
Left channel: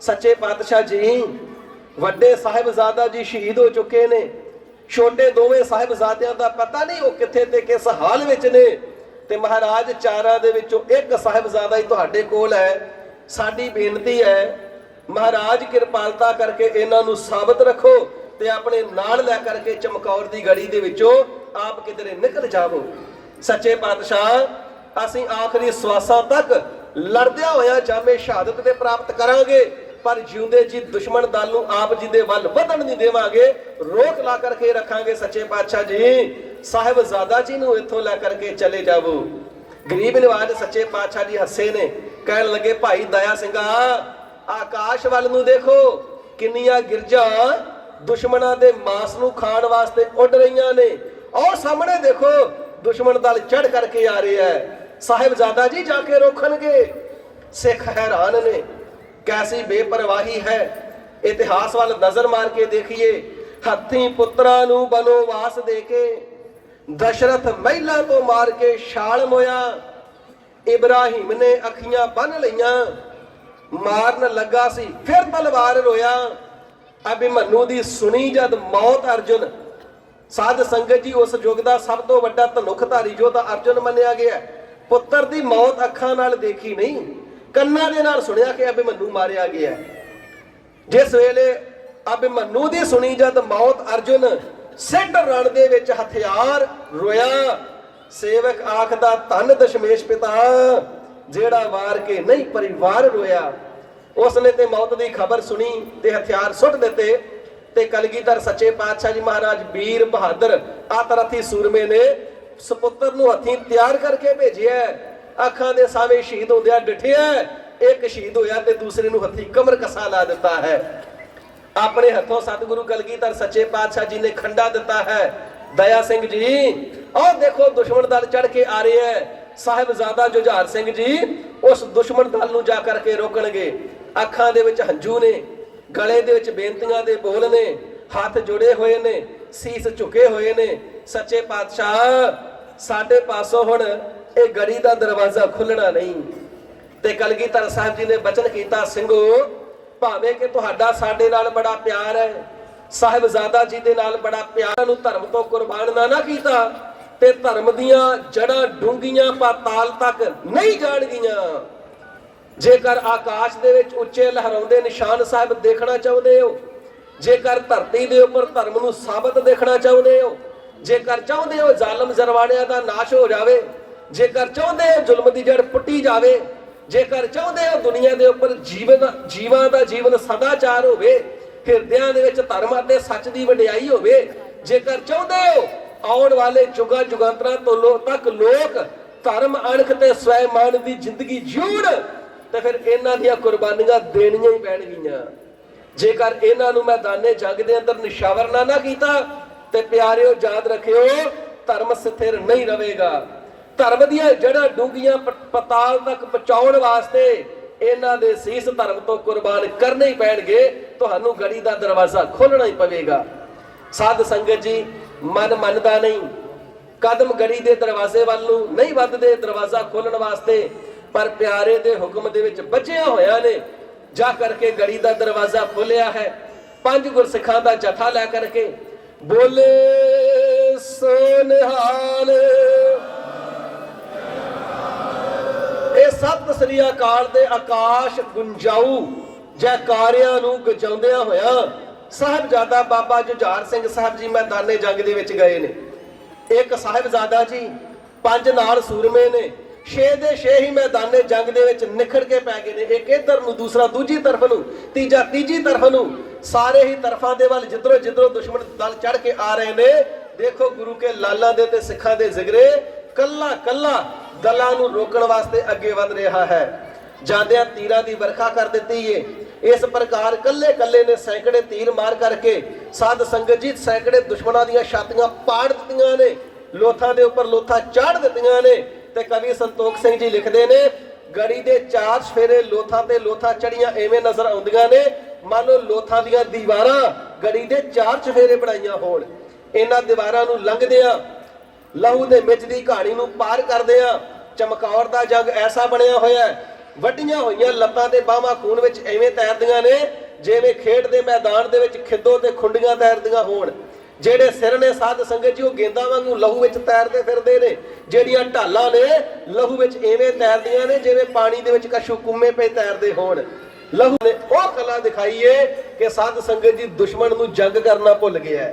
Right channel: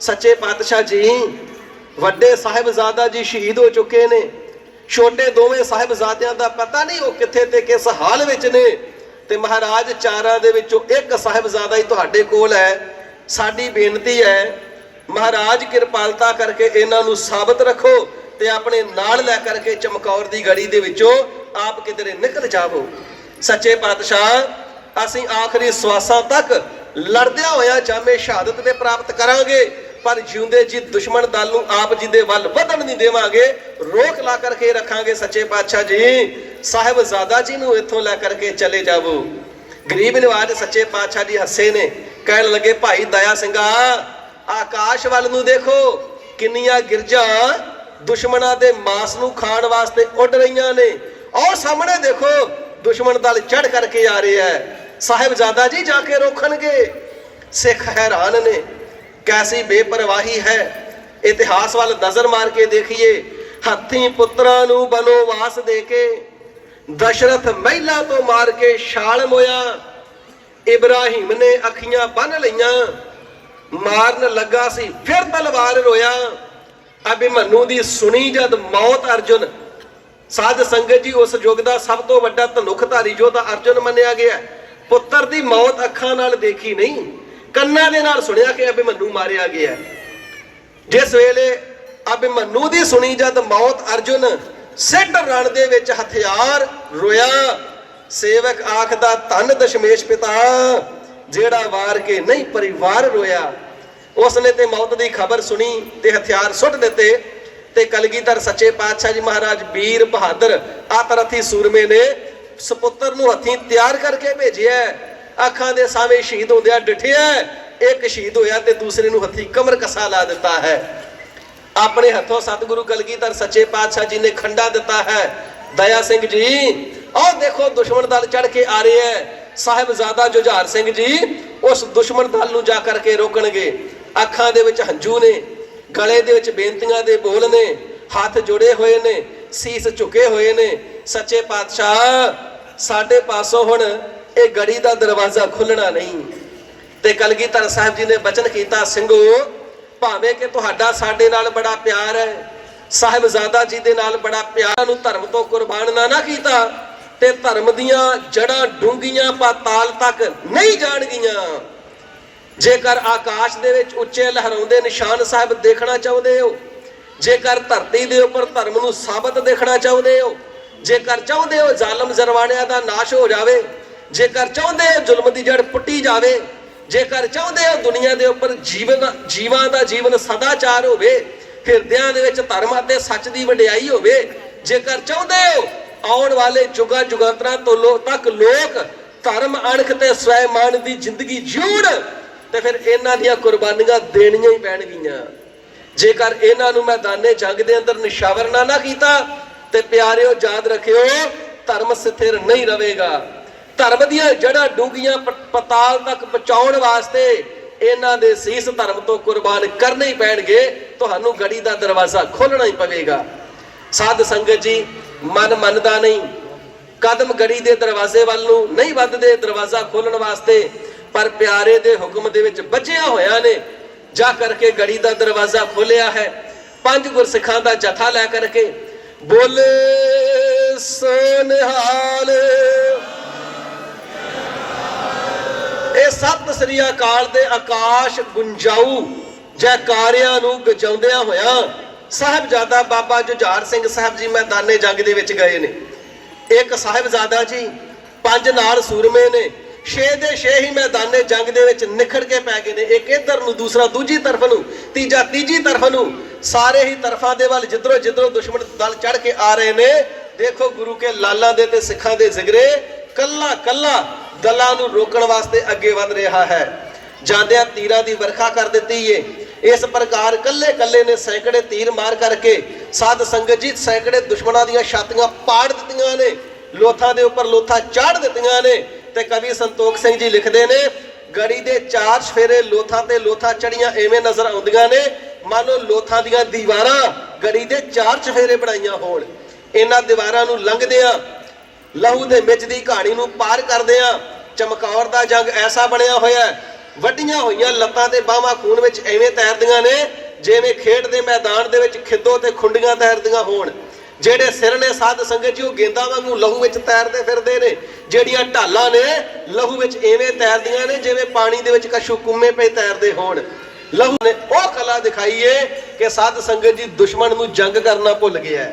ਸੱਚੇ ਪਾਤਸ਼ਾਹ ਜੀ ਵੱਡੇ ਸਾਹਿਬਜ਼ਾਦਾ ਜੀ ਸ਼ਹੀਦ ਹੋ ਚੁੱਕੇ ਨੇ, ਛੋਟੇ ਦੋਵੇਂ ਸਾਹਿਬਜ਼ਾਦਿਆਂ ਦਾ ਪਤਾ ਨਹੀਂ ਉਹ ਕਿੱਥੇ ਤੇ ਕਿਸ ਹਾਲ ਵਿੱਚ ਨੇ ਤੇ ਮਹਾਰਾਜ ਚਾਰਾਂ ਦੇ ਵਿੱਚੋਂ ਇੱਕ ਸਾਹਿਬਜ਼ਾਦਾ ਹੀ ਤੁਹਾਡੇ ਕੋਲ ਹੈ। ਸਾਡੀ ਬੇਨਤੀ ਹੈ ਮਹਾਰਾਜ ਕਿਰਪਾਲਤਾ ਕਰਕੇ ਇਹਨਾਂ ਨੂੰ ਸਾਬਤ ਰੱਖੋ ਤੇ ਆਪਣੇ ਨਾਲ ਲੈ ਕਰਕੇ ਚਮਕੌਰ ਦੀ ਗੜੀ ਦੇ ਵਿੱਚੋਂ ਆਪ ਕਿਧਰੇ ਨਿਕਲ ਜਾਵੋ। ਸੱਚੇ ਪਾਤਸ਼ਾਹ ਅਸੀਂ ਆਖਰੀ ਸਵਾਸਾਂ ਤੱਕ ਲੜਦਿਆਂ ਹੋਇਆ ਜਾਮੇ ਸ਼ਹਾਦਤ ਦੇ ਪ੍ਰਾਪਤ ਕਰਾਂਗੇ, ਪਰ ਜਿਉਂਦੇ ਜੀ ਦੁਸ਼ਮਣ ਦਲ ਨੂੰ ਆਪ ਜੀ ਦੇ ਵੱਲ ਵਧਣ ਨਹੀਂ ਦੇਵਾਂਗੇ, ਰੋਕ ਲਾ ਕਰਕੇ ਰੱਖਾਂਗੇ। ਸੱਚੇ ਪਾਤਸ਼ਾਹ ਜੀ ਸਾਹਿਬਜ਼ਾਦਾ ਜੀ ਨੂੰ ਇੱਥੋਂ ਲੈ ਕਰਕੇ ਚਲੇ ਜਾਵੋ। ਗਰੀਬ ਨਿਵਾਜ ਸੱਚੇ ਪਾਤਸ਼ਾਹ ਜੀ ਹੱਸੇ ਨੇ, ਕਹਿਣ ਲੱਗੇ ਭਾਈ ਦਇਆ ਸਿੰਘਾ ਆਕਾਸ਼ ਵੱਲ ਨੂੰ ਦੇਖੋ, ਕਿੰਨੀਆਂ ਗਿਰਜਾਂ ਦੁਸ਼ਮਣਾਂ ਦੇ ਮਾਸ ਨੂੰ ਖਾਣ ਵਾਸਤੇ ਉੱਡ ਰਹੀਆਂ ਨੇ। ਔਰ ਸਾਹਮਣੇ ਦੇਖੋ ਦੁਸ਼ਮਣ ਦਲ ਚੜ ਕਰਕੇ ਆ ਰਿਹਾ ਹੈ, ਸਾਹਿਬਜ਼ਾਦਾ ਜੀ ਜਾ ਕੇ ਰੋਕਣਗੇ। ਸਿੱਖ ਹੈਰਾਨ ਨੇ, ਕੈਸੀ ਬੇਪਰਵਾਹੀ ਹੈ। ਇਤਿਹਾਸ ਵੱਲ ਨਜ਼ਰ ਮਾਰ ਕੇ ਦੇਖੀਏ, ਹੱਥੀਂ ਪੁੱਤਰਾਂ ਨੂੰ ਬਨੋਵਾਸ ਦੇ ਕੇ ਦਸ਼ਰਥ ਮਹਿਲਾ ਤੋਂ ਮਾਰ ਕੇ ਛਾਲ ਮੋਇਆ, ਇਬਰਾਹੀਮ ਨੇ ਅੱਖੀਆਂ ਬੰਨ ਲਈਆਂ, ਮਾਰਨ ਲੱਗਾ ਸੀ ਫਿਰ ਤਲਵਾਰ ਰੋਇਆ। ਅਭਿਮਨੂ ਦੀ ਸੁਣੀ ਜਦ ਮੌਤ ਅਰਜੁਨ, ਸਾਧ ਸੰਗਤ ਜੀ ਉਸ ਯੁੱਗ ਦਾ ਸਭ ਤੋਂ ਵੱਡਾ ਧਨੁਖਧਾਰੀ ਯੋਧਾ ਅਰਜੁਨ ਮੰਨਿਆ ਗਿਆ। ਪੁੱਤਰ ਦੀ ਮੌਤ ਅੱਖਾਂ ਨਾਲ ਦੇਖੀ ਨਹੀਂ, ਕੰਨਾਂ ਦੇ ਨਾਲ ਸੁਣਿਆ ਕਿ ਅਭਿਮਨੂ ਮਾਰਿਆ ਗਿਆ। ਜਿਸ ਵੇਲੇ ਅਭਿਮਨੂ ਦੀ ਸੁਣੀ ਜਦ ਮੌਤ ਅਰਜੁਨ ਸਿੱਧ ਰਣ ਦੇ ਵਿੱਚ ਹਥਿਆਰ ਰੋਇਆ। ਸੇਵਕ ਆਖਦਾ ਧੰਨ ਦਸ਼ਮੇਸ਼ ਪਿਤਾ, ਜਿਹੜਾ ਵਾਰ ਕੇ ਨਹੀਂ ਪਰਿਵਾਰ ਰੋਇਆ। ਉਸਨੇ ਤੇ ਮੌਤ ਦੀ ਖਬਰ ਸੁਣੀ ਤੇ ਹਥਿਆਰ ਸੁੱਟ ਦਿੱਤੇ ਤੇ ਕਲਗੀਧਰ ਸੱਚੇ ਪਾਤਸ਼ਾਹ ਜੀ ਮਹਾਰਾਜ ਵੀਰ ਬਹਾਦਰ ਆਤਰਥੀ ਸੂਰਮੇ ਨੇ ਸਪੁੱਤਰ ਨੂੰ ਹੱਥੀਂ ਤਿਆਰ ਕਰਕੇ ਭੇਜਿਆ। ਅੱਖਾਂ ਦੇ ਸਾਹਮਣੇ ਸ਼ਹੀਦ ਹੁੰਦਿਆਂ ਡਿਠਿਆ, ਇੱਕ ਸ਼ਹੀਦ ਹੋਇਆ ਤੇ ਦੂਸਰੇ ਨੂੰ ਹੱਥੀਂ ਕਮਰ ਕਸਾ ਲਾ ਦਿੱਤਾ ਹੈ। ਆਪਣੇ ਹੱਥੋਂ ਸਤਿਗੁਰੂ ਕਲਗੀਧਰ ਸੱਚੇ ਪਾਤਸ਼ਾਹ ਜੀ ਨੇ ਖੰਡਾ ਦਿੱਤਾ ਹੈ। ਦਇਆ ਸਿੰਘ ਜੀ ਆਹ ਦੇਖੋ ਦੁਸ਼ਮਣ ਦਲ ਚੜ ਕੇ ਆ ਰਹੇ ਹੈ। ਸਾਹਿਬਜ਼ਾਦਾ ਜੁਝਾਰ ਸਿੰਘ ਜੀ ਉਸ ਦੁਸ਼ਮਣ ਦਲ ਨੂੰ ਜਾ ਕਰਕੇ ਰੋਕਣਗੇ। ਅੱਖਾਂ ਦੇ ਵਿੱਚ ਹੰਝੂ ਨੇ, ਗਲੇ ਦੇ ਵਿੱਚ ਬੇਨਤੀਆਂ ਦੇ ਬੋਲ ਨੇ, ਹੱਥ ਜੁੜੇ ਹੋਏ ਨੇ, ਸੀਸ ਝੁਕੇ ਹੋਏ ਨੇ। ਸੱਚੇ ਪਾਤਸ਼ਾਹ ਸਾਡੇ ਪਾਸੋਂ ਹੁਣ ਇਹ ਗੜੀ ਦਾ ਦਰਵਾਜ਼ਾ ਖੁੱਲਣਾ ਨਹੀਂ। ਤੇ ਕਲਗੀਧਰ ਸਾਹਿਬ ਜੀ ਨੇ ਬਚਨ ਕੀਤਾ, ਸਿੰਘੋ ਭਾਵੇਂ ਕਿ ਤੁਹਾਡਾ ਸਾਡੇ ਨਾਲ ਬੜਾ ਪਿਆਰ ਹੈ, ਸਾਹਿਬਜ਼ਾਦਾ ਜੀ ਦੇ ਨਾਲ ਬੜਾ ਪਿਆਰ, ਨੂੰ ਧਰਮ ਤੋਂ ਕੁਰਬਾਨ ਨਾ ਕੀਤਾ ਤੇ ਧਰਮ ਦੀਆਂ ਜੜਾਂ ਡੂੰਘੀਆਂ ਪਾਤਾਲ ਤੱਕ ਨਹੀਂ ਜਾਣਗੀਆਂ। ਜੇਕਰ ਆਕਾਸ਼ ਦੇ ਵਿੱਚ ਉੱਚੇ ਲਹਿਰਾਉਂਦੇ ਨਿਸ਼ਾਨ ਸਾਹਿਬ ਦੇਖਣਾ ਚਾਹੁੰਦੇ ਹੋ, ਜੇਕਰ ਧਰਤੀ ਦੇ ਉੱਪਰ ਧਰਮ ਨੂੰ ਸਾਬਤ ਦੇਖਣਾ ਚਾਹੁੰਦੇ ਹੋ, ਜੇਕਰ ਚਾਹੁੰਦੇ ਹੋ ਜ਼ਾਲਮ ਜ਼ਰਵਾਣਿਆਂ ਦਾ ਨਾਸ਼ ਹੋ ਜਾਵੇ, ਜੇਕਰ ਚਾਹੁੰਦੇ ਹੋ ਜ਼ੁਲਮ ਦੀ ਜੜ ਪੁੱਟੀ ਜਾਵੇ, ਜੇਕਰ ਚਾਹੁੰਦੇ ਹੋ ਦੁਨੀਆ ਦੇ ਉੱਪਰ ਜੀਵਾਂ ਦਾ ਜੀਵਨ ਸਦਾਚਾਰ ਹੋਵੇ, ਹਿਰਦਿਆਂ ਦੇ ਵਿੱਚ ਧਰਮ ਅਤੇ ਸੱਚ ਦੀ ਵਡਿਆਈ ਹੋਵੇ, ਜੇਕਰ ਚਾਹੁੰਦੇ ਹੋ ਆਉਣ ਵਾਲੇ ਜੁਗਾਂ ਜੁਗਾਂਤਰਾਂ ਤੋਂ ਤੱਕ ਲੋਕ ਧਰਮ ਅਣਖ ਤੇ ਸਵੈਮਾਨ ਦੀ ਜ਼ਿੰਦਗੀ ਜਿਉਣ, ਤੇ ਫਿਰ ਇਹਨਾਂ ਦੀਆਂ ਕੁਰਬਾਨੀਆਂ ਦੇਣੀਆਂ ਹੀ ਪੈਣਗੀਆਂ। ਜੇਕਰ ਇਹਨਾਂ ਨੂੰ ਮੈਦਾਨੇ ਜੰਗ ਦੇ ਅੰਦਰ ਨਿਸ਼ਾਵਰ ਨਾ ਕੀਤਾ ਤੇ ਪਿਆਰਿਓ ਯਾਦ ਰੱਖਿਓ ਧਰਮ ਸਥਿਰ ਨਹੀਂ ਰਹੇਗਾ। ਧਰਮ ਦੀਆਂ ਜੜ੍ਹਾਂ ਡੂੰਘੀਆਂ ਪਤਾਲ ਤੱਕ ਪਹੁੰਚਾਉਣ ਵਾਸਤੇ ਇਹਨਾਂ ਦੇ ਸੀਸ ਧਰਮ ਤੋਂ ਕੁਰਬਾਨ ਕਰਨੇ ਹੀ ਪੈਣਗੇ। ਤੁਹਾਨੂੰ ਗੜੀ ਦਾ ਦਰਵਾਜ਼ਾ ਖੋਲਣਾ ਹੀ ਪਵੇਗਾ। ਸਾਧ ਸੰਗਤ ਜੀ ਮਨ ਮੰਨਦਾ ਨਹੀਂ, ਕਦਮ ਗੜੀ ਦੇ ਦਰਵਾਜ਼ੇ ਵੱਲ ਨੂੰ ਨਹੀਂ ਵੱਧਦੇ ਦਰਵਾਜ਼ਾ ਖੋਲਣ ਵਾਸਤੇ, ਪਰ ਪਿਆਰੇ ਦੇ ਹੁਕਮ ਦੇ ਵਿੱਚ ਬੱਝਿਆ ਹੋਇਆ ਨੇ ਜਾ ਕਰਕੇ ਗੜੀ ਦਾ ਦਰਵਾਜ਼ਾ ਖੋਲਿਆ ਹੈ। 5 ਗੁਰਸਿੱਖਾਂ ਦਾ ਜਥਾ ਲੈ ਕਰਕੇ ਬੋਲੇ ਸੋ ਨਿਹਾਲ। ਇਹ ਸਤਿ ਸ੍ਰੀ ਅਕਾਲ ਦੇ ਆਕਾਸ਼ ਗੁੰਜਾਊ ਜੈਕਾਰਿਆਂ ਨੂੰ ਗਜਾਉਂਦਿਆਂ ਹੋਇਆ ਸਾਹਿਬਜ਼ਾਦਾ ਬਾਬਾ ਜੁਝਾਰ ਸਿੰਘ ਸਾਹਿਬ ਜੀ ਮੈਦਾਨੇ ਜੰਗ ਦੇ ਵਿੱਚ ਗਏ ਨੇ। ਇੱਕ ਸਾਹਿਬਜ਼ਾਦਾ ਜੀ, 5 ਨਾਲ ਸੂਰਮੇ ਨੇ, 6 ਦੇ 6 ਹੀ ਮੈਦਾਨੇ ਜੰਗ ਦੇ ਵਿੱਚ ਨਿਖੜ ਕੇ ਪੈ ਗਏ ਨੇ। ਇੱਕ ਇੱਧਰ ਨੂੰ, ਦੂਸਰਾ ਦੂਜੀ ਤਰਫ ਨੂੰ, ਤੀਜਾ ਤੀਜੀ ਤਰਫ ਨੂੰ, ਸਾਰੇ ਹੀ ਤਰਫਾਂ ਦੇ ਵੱਲ ਜਿੱਧਰੋਂ ਜਿੱਧਰੋਂ ਦੁਸ਼ਮਣ ਦਲ ਚੜ ਕੇ ਆ ਰਹੇ ਨੇ। ਦੇਖੋ ਗੁਰੂ ਕੇ ਲਾਲਾਂ ਦੇ ਤੇ ਸਿੱਖਾਂ ਦੇ ਜ਼ਿਗਰੇ ਕੱਲਾ ਕੱਲਾ ਦਲਾਂ ਨੂੰ ਰੋਕਣ ਵਾਸਤੇ ਅੱਗੇ ਵਧ ਰਿਹਾ ਹੈ। ਜਾਂਦਿਆਂ ਤੀਰਾਂ ਦੀ ਵਰਖਾ ਕਰ ਦਿੱਤੀ ਏ। ਇਸ ਪ੍ਰਕਾਰ ਕੱਲੇ ਕੱਲੇ ਨੇ ਸੈਂਕੜੇ ਤੀਰ ਮਾਰ ਕਰਕੇ ਸਾਧ ਸੰਗਤ ਜੀ ਸੈਂਕੜੇ ਦੁਸ਼ਮਣਾਂ ਦੀਆਂ ਛਾਤੀਆਂ ਪਾੜ ਦਿੱਤੀਆਂ ਨੇ, ਲੋਥਾਂ ਦੇ ਉੱਪਰ ਲੋਥਾਂ ਚਾੜ ਦਿੱਤੀਆਂ ਨੇ। ਤੇ ਕਵੀ ਸੰਤੋਖ ਸਿੰਘ ਜੀ ਲਿਖਦੇ ਨੇ, ਗੜੀ ਦੇ 4 ਸਫੇਰੇ ਲੋਥਾਂ ਤੇ ਲੋਥਾਂ ਚੜੀਆਂ ਐਵੇਂ ਨਜ਼ਰ ਆਉਂਦੀਆਂ ਨੇ ਮਾਨੋ ਲੋਥਾਂ ਦੀਆਂ ਦੀਵਾਰਾਂ ਗੜੀ ਦੇ 4 ਚਫੇਰੇ ਬਣਾਈਆਂ ਹੋਣ। ਇਹਨਾਂ ਦੀਵਾਰਾਂ ਨੂੰ ਲੰਘਦਿਆਂ ਲਹੂ ਦੇ ਮਿੱਚ ਦੀ ਕਹਾਣੀ ਨੂੰ ਪਾਰ ਕਰਦਿਆਂ ਚਮਕੌਰ ਦਾ ਜੰਗ ਐਸਾ ਬਣਿਆ ਹੋਇਆ, ਵੱਡੀਆਂ ਹੋਈਆਂ ਲੱਤਾਂ ਤੇ ਬਾਹਾਂ ਖੂਨ ਵਿੱਚ ਐਵੇਂ ਤੈਰਦੀਆਂ ਨੇ ਜਿਵੇਂ ਖੇਡ ਦੇ ਮੈਦਾਨ ਦੇ ਵਿੱਚ ਖਿੱਦੋ ਤੇ ਖੁੰਡੀਆਂ ਤੈਰਦੀਆਂ ਹੋਣ। ਜਿਹੜੇ ਸਿਰ ਨੇ ਸਾਧ ਸੰਗਤ ਜੀ ਉਹ ਗੇਂਦਾਂ ਵਾਂਗੂ ਲਹੂ ਵਿੱਚ ਤੈਰਦੇ ਫਿਰਦੇ ਨੇ। ਜਿਹੜੀਆਂ ਢਾਲਾਂ ਨੇ ਲਹੂ ਵਿੱਚ ਐਵੇਂ ਤੈਰਦੀਆਂ ਨੇ ਜਿਵੇਂ ਪਾਣੀ ਦੇ ਵਿੱਚ ਕਸ਼ੂ ਕੁੰਮੇ ਪਏ ਤੈਰਦੇ ਹੋਣ। ਲਹੂ ਨੇ ਉਹ ਕਲਾ ਦਿਖਾਈਏ ਕਿ ਸਾਧ ਸੰਗਤ ਜੀ ਦੁਸ਼ਮਣ ਨੂੰ ਜੰਗ ਕਰਨਾ ਭੁੱਲ ਗਿਆ।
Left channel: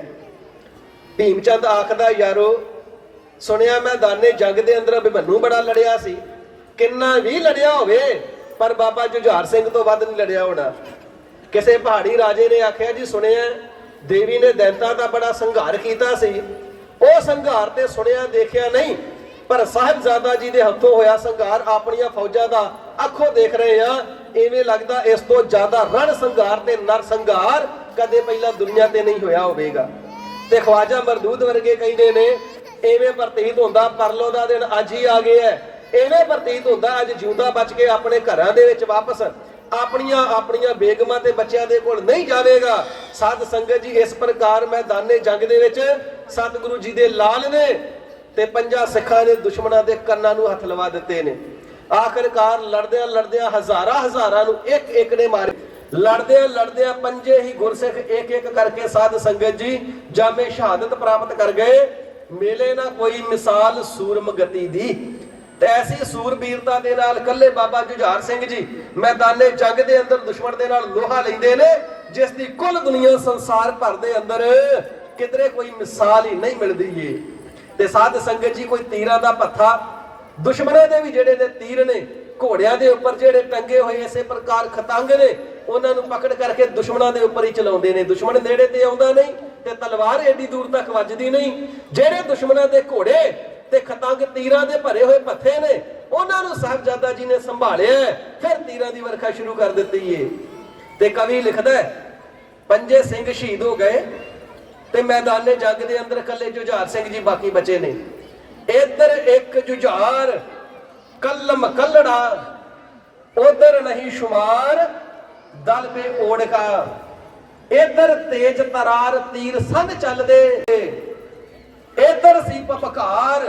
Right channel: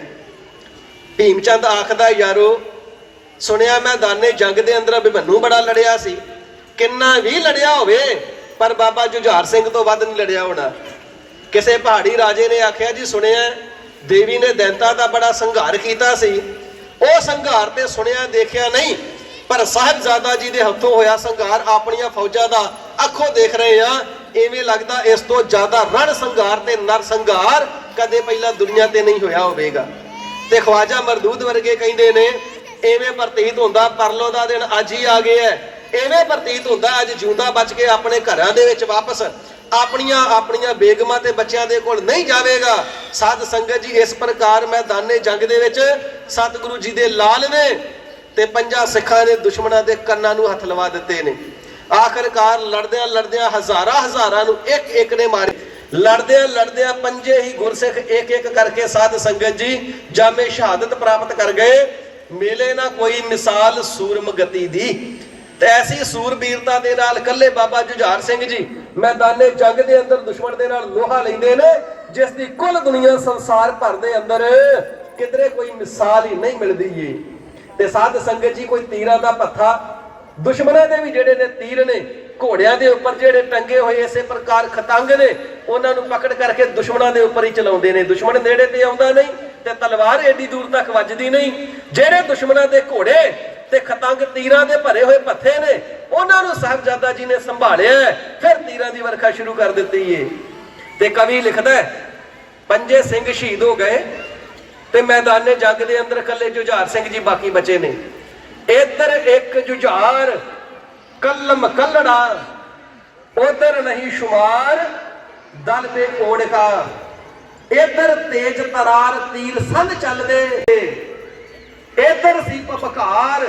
ਭੀਮ ਚੰਦ ਆਖਦਾ, ਯਾਰੋ ਸੁਣਿਆ ਮੈਦਾਨੇ ਜੰਗ ਦੇ ਅੰਦਰ ਅਭਿਮਨੂ ਬੜਾ ਲੜਿਆ ਸੀ। ਕਿੰਨਾ ਵੀ ਲੜਿਆ ਹੋਵੇ ਪਰ ਬਾਬਾ ਜੁਝਾਰ ਸਿੰਘ ਤੋਂ ਵੱਧ ਨਹੀਂ ਲੜਿਆ ਹੋਣਾ। ਕਿਸੇ ਪਹਾੜੀ ਰਾਜੇ ਨੇ ਆਖਿਆ, ਜੀ ਸੁਣਿਆ ਦੇਵੀ ਨੇ ਦੈਂਤਾਂ ਦਾ ਬੜਾ ਸੰਘਾਰ ਕੀਤਾ ਸੀ। ਉਹ ਸੰਘਾਰ ਤੇ ਸੁਣਿਆ ਦੇਖਿਆ ਨਹੀਂ, ਪਰ ਸਾਹਿਬਜ਼ਾਦਾ ਜੀ ਦੇ ਹੱਥੋਂ ਹੋਇਆ ਸੰਘਾਰ ਆਪਣੀਆਂ ਫੌਜਾਂ ਦਾ ਅੱਖੋਂ ਦੇਖ ਰਹੇ ਆ। ਐਵੇਂ ਲੱਗਦਾ ਇਸ ਤੋਂ ਜ਼ਿਆਦਾ ਰਣ ਸੰਘਾਰ ਤੇ ਨਰ ਸੰਘਾਰ ਕਦੇ ਪਹਿਲਾਂ ਦੁਨੀਆ ਤੇ ਨਹੀਂ ਹੋਇਆ ਹੋਵੇਗਾ। ਤੇ ਖਵਾਜਾ ਮਰਦੂਦ ਵਰਗੇ ਕਹਿੰਦੇ ਨੇ, ਐਵੇਂ ਪ੍ਰਤੀਤ ਹੁੰਦਾ ਪਰਲੋ ਦਾ ਦਿਨ ਅੱਜ ਹੀ ਆ ਗਿਆ ਹੈ। ਐਵੇਂ ਪ੍ਰਤੀਤ ਹੁੰਦਾ ਅੱਜ ਜਿਉਂਦਾ ਬਚ ਕੇ ਆਪਣੇ ਘਰਾਂ ਦੇ ਵਿੱਚ ਵਾਪਸ ਆਪਣੀਆਂ ਬੇਗਮਾਂ ਤੇ ਬੱਚਿਆਂ ਦੇ ਕੋਲ ਨਹੀਂ ਜਾਵੇਗਾ। ਸਾਧ ਸੰਗਤ ਜੀ ਇਸ ਪ੍ਰਕਾਰ ਮੈਦਾਨੇ ਜੰਗ ਦੇ ਵਿੱਚ ਸਤਿਗੁਰੂ ਜੀ ਦੇ ਲਾਲ ਨੇ ਤੇ 5 ਸਿੱਖਾਂ ਨੇ ਦੁਸ਼ਮਣਾਂ ਦੇ ਕੰਨਾਂ ਨੂੰ ਹੱਥ ਲਵਾ ਦਿੱਤੇ ਨੇ। ਆਖਰਕਾਰ ਲੜਦਿਆਂ ਲੜਦਿਆਂ ਹਜ਼ਾਰਾਂ ਨੂੰ ਇੱਕ ਨੇ ਮਾਰੇ। ਲੜਦਿਆਂ 5 ਹੀ ਗੁਰਸਿੱਖ ਇੱਕ ਕਰਕੇ ਸਾਧ ਸੰਗਤ ਜੀ ਜਾਮੇ ਸ਼ਹਾਦਤ ਪ੍ਰਾਪਤ ਕਰ ਗਏ। ਮੇਲੇ ਨਾ ਕੋਈ ਮਿਸਾਲ ਸੂਰਮ ਗਤੀ ਦੀ। ਤੇ ਐਸੀ ਸੂਰਬੀਰਤਾ ਦੇ ਨਾਲ ਕੱਲੇ ਬਾਬਾ ਜੁਝਾਰ ਸਿੰਘ ਜੀ ਮੈਦਾਨੇ ਜੰਗ ਦੇ ਅੰਦਰ ਦੁਸ਼ਮਣ ਦੇ ਨਾਲ ਲੋਹਾ ਲੈਂਦੇ ਨੇ, ਜਿਸ ਦੀ ਕੁੱਲ ਦੁਨੀਆ ਸੰਸਾਰ ਭਰ ਦੇ ਅੰਦਰ ਕਿਧਰੇ ਕੋਈ ਮਿਸਾਲ ਹੀ ਨਹੀਂ ਮਿਲਦੀ ਏ। ਤੇ ਸਾਧ ਸੰਗਤ ਜੀ ਕੋਈ ਤੀਰਾਂ ਦਾ ਪੱਥਾ, ਦੁਸ਼ਮਣਾਂ ਦੇ ਵੀ ਜਿਹੜੇ ਨੇ ਤੀਰ ਨੇ ਘੋੜਿਆਂ ਦੇ ਉੱਪਰ ਜਿਹੜੇ ਟੰਗੇ ਹੋਏ ਇਸੇ ਪ੍ਰਕਾਰ ਖਤੰਗ ਨੇ, ਉਹਨਾਂ ਨੂੰ ਪਕੜ ਕਰਕੇ ਦੁਸ਼ਮਣਾਂ ਦੇ ਉੱਪਰ ਹੀ ਚਲਾਉਂਦੇ ਨੇ। ਦੁਸ਼ਮਣ ਨੇੜੇ ਤੇ ਆਉਂਦਾ ਨਹੀਂ ਤੇ ਤਲਵਾਰ ਏਡੀ ਦੂਰ ਤੱਕ ਵੱਜਦੀ ਨਹੀਂ। ਜਿਹੜੇ ਦੁਸ਼ਮਣਾਂ ਦੇ ਘੋੜੇ ਤੇ ਖਤੰਗ ਤੀਰਾਂ ਦੇ ਭਰੇ ਹੋਏ ਪੱਥੇ ਨੇ, ਉਹਨਾਂ ਨੂੰ ਸਾਹਿਬਜ਼ਾਦਾ ਜੀ ਨੇ ਸੰਭਾਲਿਆ, ਫਿਰ ਤੀਰਾਂ ਦੀ ਵਰਖਾ ਸ਼ੁਰੂ ਕਰ ਦਿੱਤੀ ਏ। ਤੇ ਕਵੀ ਲਿਖਦਾ ਪੰਜੇ ਸਿੰਘ ਸ਼ਹੀਦ ਹੋ ਗਏ ਤੇ ਮੈਦਾਨੇ ਜੰਗ ਦੇ ਅੰਦਰ ਇਕੱਲੇ ਜੁਝਾਰ ਸਿੰਘ ਜੀ ਬਾਕੀ ਬਚੇ ਨੇ। ਇੱਧਰ ਇੱਕ ਜੁਝਾਰ कलम कलड़ा, उधर नहीं शुमार दल पे ओढ़ का, इधर तेज तरार तीर संग चल दे, इधर सी पपकार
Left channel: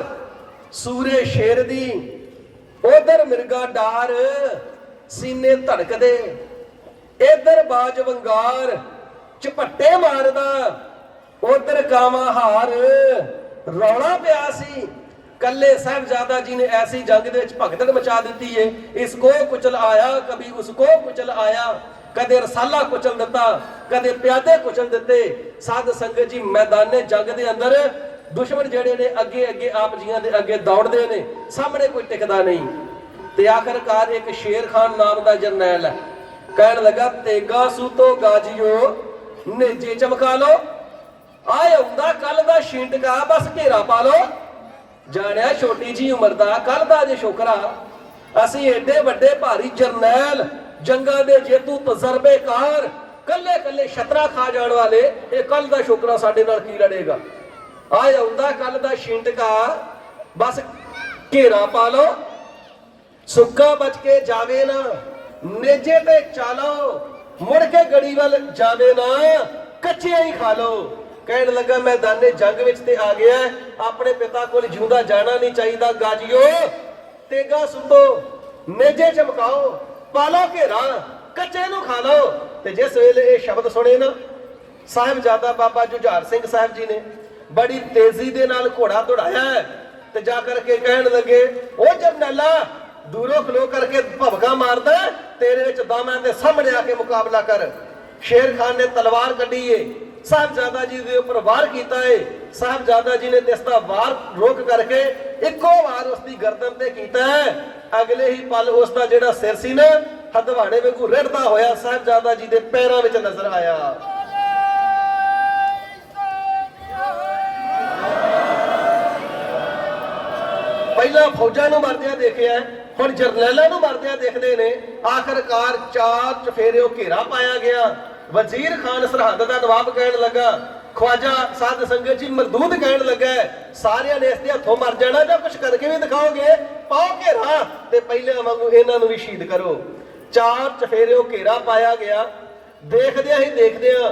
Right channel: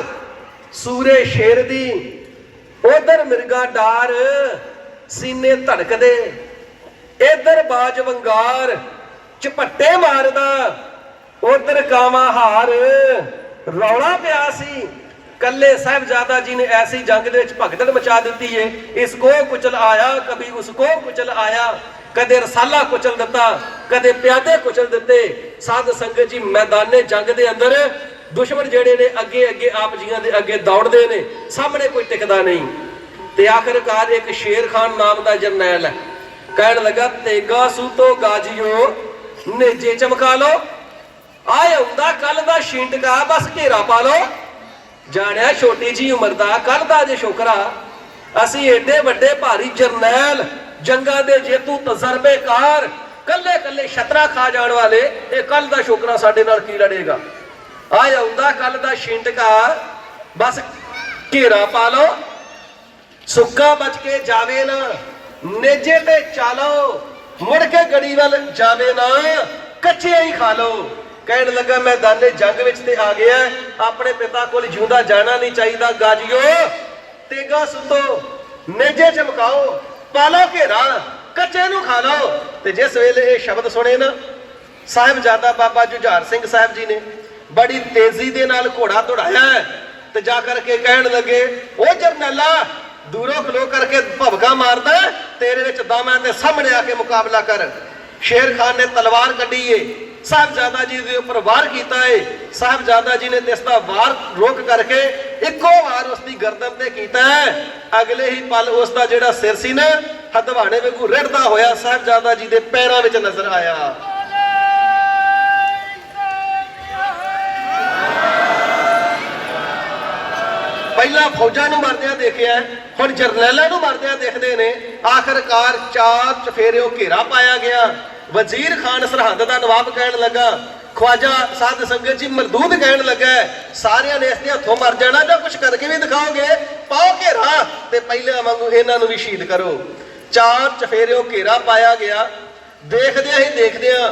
सूरे शेर दी, उधर मिर्गा डार सीने धड़क दे, इधर बाज वंगार झपट्टे मारदा, उधर कावा हार रौला पिया सी। कल्ले साहिबजादा जी ने ऐसी जंग दे विच भगदड़ मचा दी है। इसको कुचल आया कभी उसको कुचल आया, कदे रसाला कुचल दिता कदे प्यादे कुचल दिते। साध संगत जी मैदाने जंग दे अंदर दुश्मन जेड़े ने अगे अगे आप जियां दे अगे दौड़दे ने, सामने कोई टिकदा नहीं। ते आखिरकार एक शेर खान नाम दा जरनैल है, कहन लगा तेगा सूतो गाजियो नेजे चमका लो, आए हुंदा कल दा छींटका बस घेरा पा लो। जानिया छोटी जी उम्र का कल का जे छोकरा, असी एडे वड्डे भारी जरनैल जंगा दे जेतू तजर्बेकार कल्ले कल्ले छतरा खा जाने वाले, ये कल का छोकरा साडे नाल की लड़ेगा। आए आउंदा कल का छींटका बस घेरा पा लो, सुक्का बच के जावे ना, नेजे ते चालो मुड़ के गड़ी वाल जावे ना, कच्चे ही खा लो। कहन लगा मैदाने जंग विच ते आ गया, अपने पिता कोल जिउंदा जाना नहीं चाहिए। गाजियो तेगा सुतो नेजे चमकाओ, पालो घेरा कच्चे नूं खा लो। ते जिस वेले ये शब्द सुने ना साहिबजादा बाबा जुझार सिंह साहब जी ने बड़ी तेजी दे नाल घोड़ा दौड़ाया ते जा करके कहन लगे, ओ जरनैला दूरों खलो करके भवका मारदा, तेरे विच दम है ते सामने आके मुकाबला कर। शेर खान ने तलवार कड्ढी है, साहिबजादा जी के ऊपर वार किया है। साहिबजादा जी ने इसका वार रोक करके इको वार उसकी गर्दन ते कीता है। अगले ही पल उसका जिहड़ा सिर सी ना हदवाणे वांगू रिड़दा होया साहिबजादा जी के पैरों में नजर आया। पहला फौजां नूं मरदियां देखिया, हुण जरनैलां नूं मरदियां देखदे ने। आखिरकार चार चफेरिओ घेरा पाया गया। वजीर खान सरहद का नवाब कहन लगा, ख्वाजा साध संगत जी मरदूद कहन लगा, सारियां ने इसके हथों मर जाना जां कुछ करके भी दिखाओगे, पाओ घेरा ते पहले वांगू इन्हां नूं भी शहीद करो। चार चफेरिओ घेरा पाया गया। देखदियां ही देखदियां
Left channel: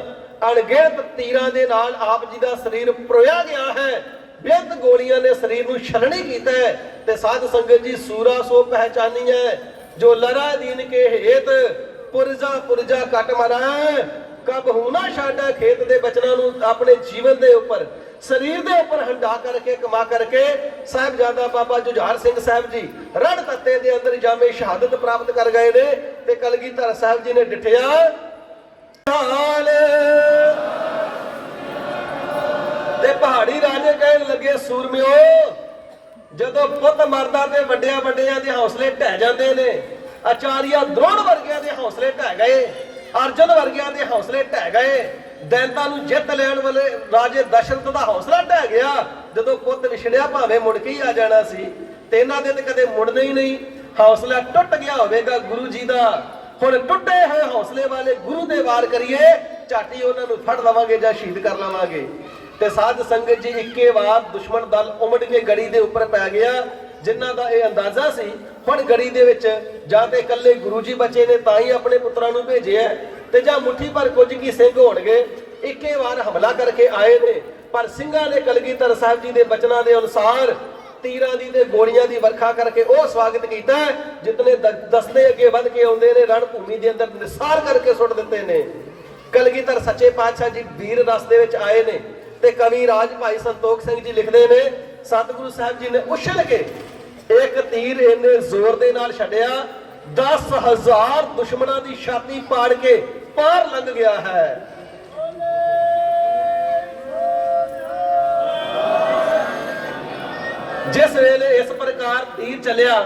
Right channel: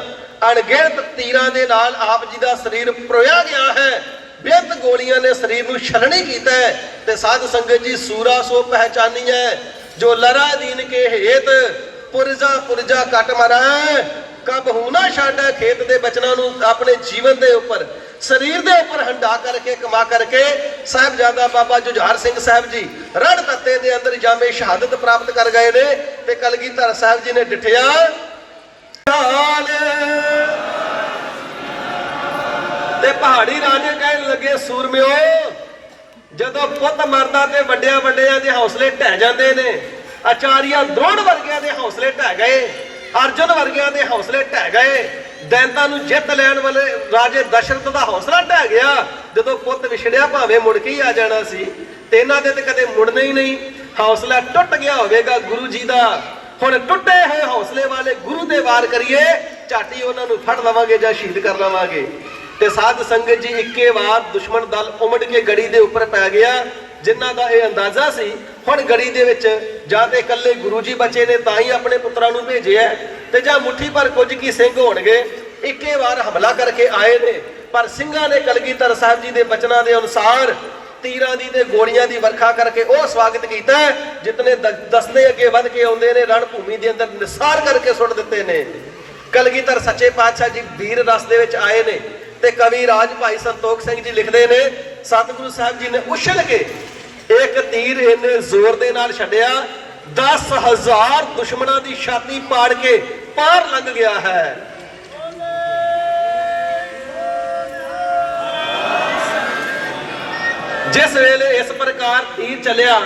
अणगिणत तीरां दे नाल आप जी दा शरीर परोया गया है। बेअंत गोलियां ने शरीर नूं छलनी कीता है। ते साध संगत जी सूरा सो पहचानी है, जो लरा दीन के हेत पुरजा पुरजा कट मरा, कब होना छाड़ा खेत दे बचना नूं अपने जीवन दे ऊपर शरीर दे ऊपर हंडा करके कमा करके साहिबजादा बाबा जुझार सिंह साहब जी रण तत्ते दे अंदर जामे शहादत प्राप्त कर गए ने। ते कलगीधर साहब जी ने डिठिया ते पहाड़ी राजे कहन लगे, सूरमिओ जदों पुत मरदा ते वड्डियां वड्डियां दे हौसले ढह जांदे ने। आचार्य द्रोण वर्गियां दे हौसले ढह गए, अर्जुन वर्गियां दे हौसले ढह गए, दैंतां नूं जित लैण वाले राजे दशरथ दा हौसला ढह गया। जदों पुत विछड़िया भावें मुड़ के ही आ जाना सी, ते इन्हां दे ते कदे मुड़ना ही नहीं। हौसला टुट गया होवेगा गुरु जी दा। हुण टुटे होए हौसले वाले गुरु दे वार करिए, झाटी उन्हां नूं फड़ लवांगे जां शहीद कर लवांगे। ते साध संगत जी इक्के वार दुश्मन दल उमड़ के गड़ी दे उपर पै गया। जिन्हां दा इह अंदाजा सी हुण गड़ी दे विच जां ते इकल्ले गुरु जी बचे ने तां ही अपने पुत्रां नूं भेजिआ, ते जां मुट्ठी भर कुछ की सिंह होणगे। इक्के वार हमला करके आए ने, पर ਸਿੰਘਾਂ ने कलगीधर साहब जी दे बचनां दे अनुसार तीरां दी ते गोलियां दी वर्खा करके ਉਹ स्वागत कीता है जितने दस्ते अगे वध के आउंदे ने रण भूमि दे अंदर निसार करके सुट दित्ते ने। कलगीधर सच्चे पातशाह जी वीर रस दे विच आए ने। ते कवि राज भाई संतोख सिंह जी लिखते ने, सतगुरु साहब जी ने उछल के एक तीर इन्ने जोर दे नाल छड्डिया 10,000 दुश्मनों की छाती पाड़ के पार लंघ गया है। जिस वेले इस प्रकार तीर चलिया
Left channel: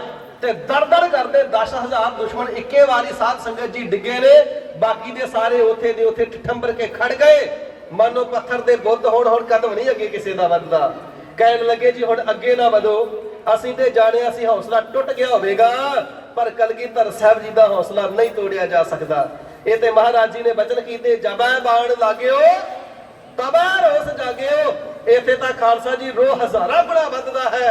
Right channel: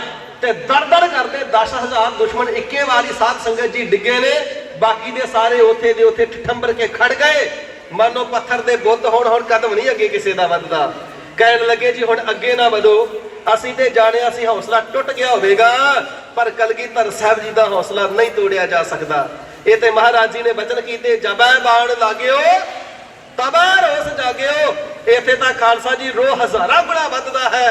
ਤੇ ਦਰਦਰ ਕਰਦੇ 10,000 ਦੁਸ਼ਮਣ ਇੱਕੇ ਵਾਰੀ ਸਾਧ ਸੰਗਤ ਜੀ ਡਿੱਗੇ ਨੇ। ਬਾਕੀ ਦੇ ਸਾਰੇ ਉਥੇ ਦੇ ਉਥੇ ਠੰਬਰ ਕੇ ਖੜ ਗਏ, ਮਾਨੋ ਪੱਥਰ ਦੇ ਬੁੱਧ ਹੋਣ। ਹੁਣ ਕਦਮ ਨਹੀਂ ਅੱਗੇ ਕਿਸੇ ਦਾ ਵੱਧਦਾ। ਕਹਿਣ ਲੱਗੇ ਜੀ ਹੁਣ ਅੱਗੇ ਨਾ ਵਧੋ, ਅਸੀਂ ਤੇ ਜਾਣਿਆ ਸੀ ਹੌਸਲਾ ਟੁੱਟ ਗਿਆ ਹੋਵੇਗਾ, ਪਰ ਕਲਗੀਧਰ ਸਾਹਿਬ ਜੀ ਦਾ ਹੌਸਲਾ ਨਹੀਂ ਤੋੜਿਆ ਜਾ ਸਕਦਾ। ਇਹ ਤੇ ਮਹਾਰਾਜ ਜੀ ਨੇ ਬਚਨ ਕੀਤੇ, ਜਬੈ ਬਾਣ ਲਾਗਿਓ ਤਬੈ ਰੋਸ ਜਾਗਿਓ। ਇੱਥੇ ਤਾਂ ਖਾਲਸਾ ਜੀ ਰੋਹ ਹਜ਼ਾਰਾਂ ਗੁਣਾ ਵੱਧਦਾ ਹੈ।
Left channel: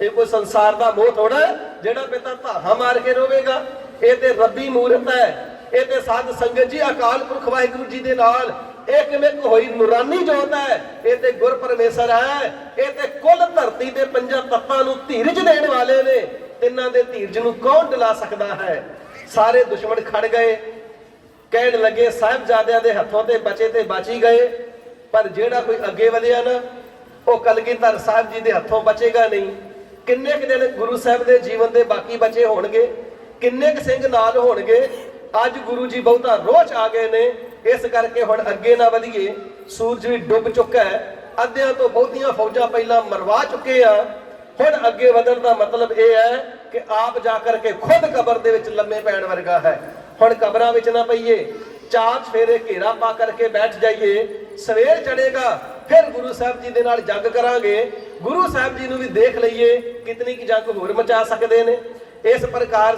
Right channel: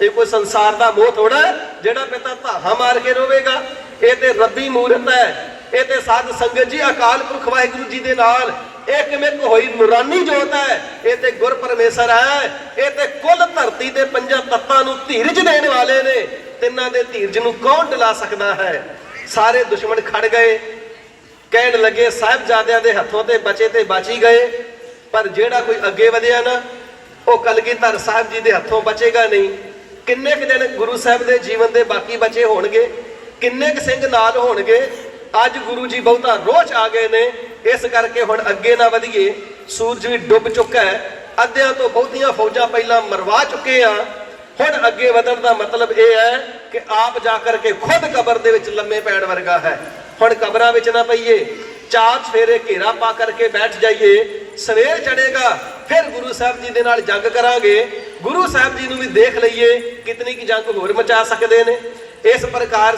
ਇਹ ਕੋਈ ਸੰਸਾਰ ਦਾ ਮੋਹ ਥੋੜਾ ਜਿਹੜਾ ਪਿਤਾ ਧਾਹਾਂ ਮਾਰ ਕੇ ਰੋਵੇਗਾ। ਇਹ ਤੇ ਰੱਬੀ ਮੂਰਤ ਹੈ। ਇਹ ਤੇ ਸਾਧ ਸੰਗਤ ਜੀ ਅਕਾਲ ਪੁਰਖ ਵਾਹਿਗੁਰੂ ਜੀ ਦੇ ਨਾਲ ਇੱਕਮਿਕ ਹੋਈ ਨੂਰਾਨੀ ਜੋਤ ਹੈ। ਇਹ ਤੇ ਗੁਰ ਪਰਮੇਸ਼ਰ ਹੈ। ਇਹ ਤੇ ਕੁੱਲ ਧਰਤੀ ਦੇ ਪੰਜਾਂ ਤੱਤਾਂ ਨੂੰ ਧੀਰਜ ਦੇਣ ਵਾਲੇ ਨੇ। ਤਿੰਨਾਂ ਦੇ ਧੀਰਜ ਨੂੰ ਕੌਣ ਡਿਲਾ ਸਕਦਾ ਹੈ। ਸਾਰੇ ਦੁਸ਼ਮਣ ਖੜ ਗਏ, ਕਹਿਣ ਲੱਗੇ ਸਾਹਿਬਜ਼ਾਦਿਆਂ ਦੇ ਹੱਥੋਂ ਤੇ ਬਚੇ ਤੇ ਬਚ ਹੀ ਗਏ, ਪਰ ਜਿਹੜਾ ਕੋਈ ਅੱਗੇ ਵਧਿਆ ਨਾ ਉਹ ਕਲਗੀਧਰ ਸਾਹਿਬ ਜੀ ਦੇ ਹੱਥੋਂ ਬਚੇਗਾ ਨਹੀਂ। ਕਿੰਨੇ ਕੁ ਦਿਨ ਗੁਰੂ ਸਾਹਿਬ ਦੇ ਜੀਵਨ ਦੇ ਬਾਕੀ ਬਚੇ ਹੋਣਗੇ, ਕਿੰਨੇ ਕੁ ਸਿੰਘ ਨਾਲ ਹੋਣਗੇ। ਅੱਜ ਗੁਰੂ ਜੀ ਬਹੁਤਾ ਰੋਹ 'ਚ ਆ ਗਏ ਨੇ, ਇਸ ਕਰਕੇ ਹੁਣ ਅੱਗੇ ਨਾ ਵਧੀਏ। ਸੂਰਜ ਵੀ ਡੁੱਬ ਚੁੱਕਾ ਹੈ, ਅੱਧਿਆਂ ਤੋਂ ਬਹੁਤੀਆਂ ਫੌਜਾਂ ਪਹਿਲਾਂ ਮਰਵਾ ਚੁੱਕੇ ਆ। ਹੁਣ ਅੱਗੇ ਵਧਣ ਦਾ ਮਤਲਬ ਇਹ ਹੈ ਕਿ ਆਪ ਜਾ ਕਰਕੇ ਖੁਦ ਕਬਰ ਦੇ ਵਿੱਚ ਲੰਮੇ ਪੈਣ ਵਰਗਾ ਹੈ। ਹੁਣ ਕਬਰਾਂ ਵਿੱਚ ਨਾ ਪਈਏ, ਚਾਰ ਚਫੇਰੇ ਘੇਰਾ ਪਾ ਕਰਕੇ ਬੈਠ ਜਾਈਏ। ਸਵੇਰ ਚੜੇਗਾ ਫਿਰ ਗੁਰੂ ਸਾਹਿਬ ਜੀ ਦੇ ਨਾਲ ਜੰਗ ਕਰਾਂਗੇ। ਗੁਰੂ ਸਾਹਿਬ ਜੀ ਨੂੰ ਵੀ ਦੇਖ ਲਈਏ ਕਿਤਨੀ ਕੀ ਜੰਗ ਹੋਰ ਮਚਾ ਸਕਦੇ ਨੇ। ਇਸ ਪ੍ਰਕਾਰ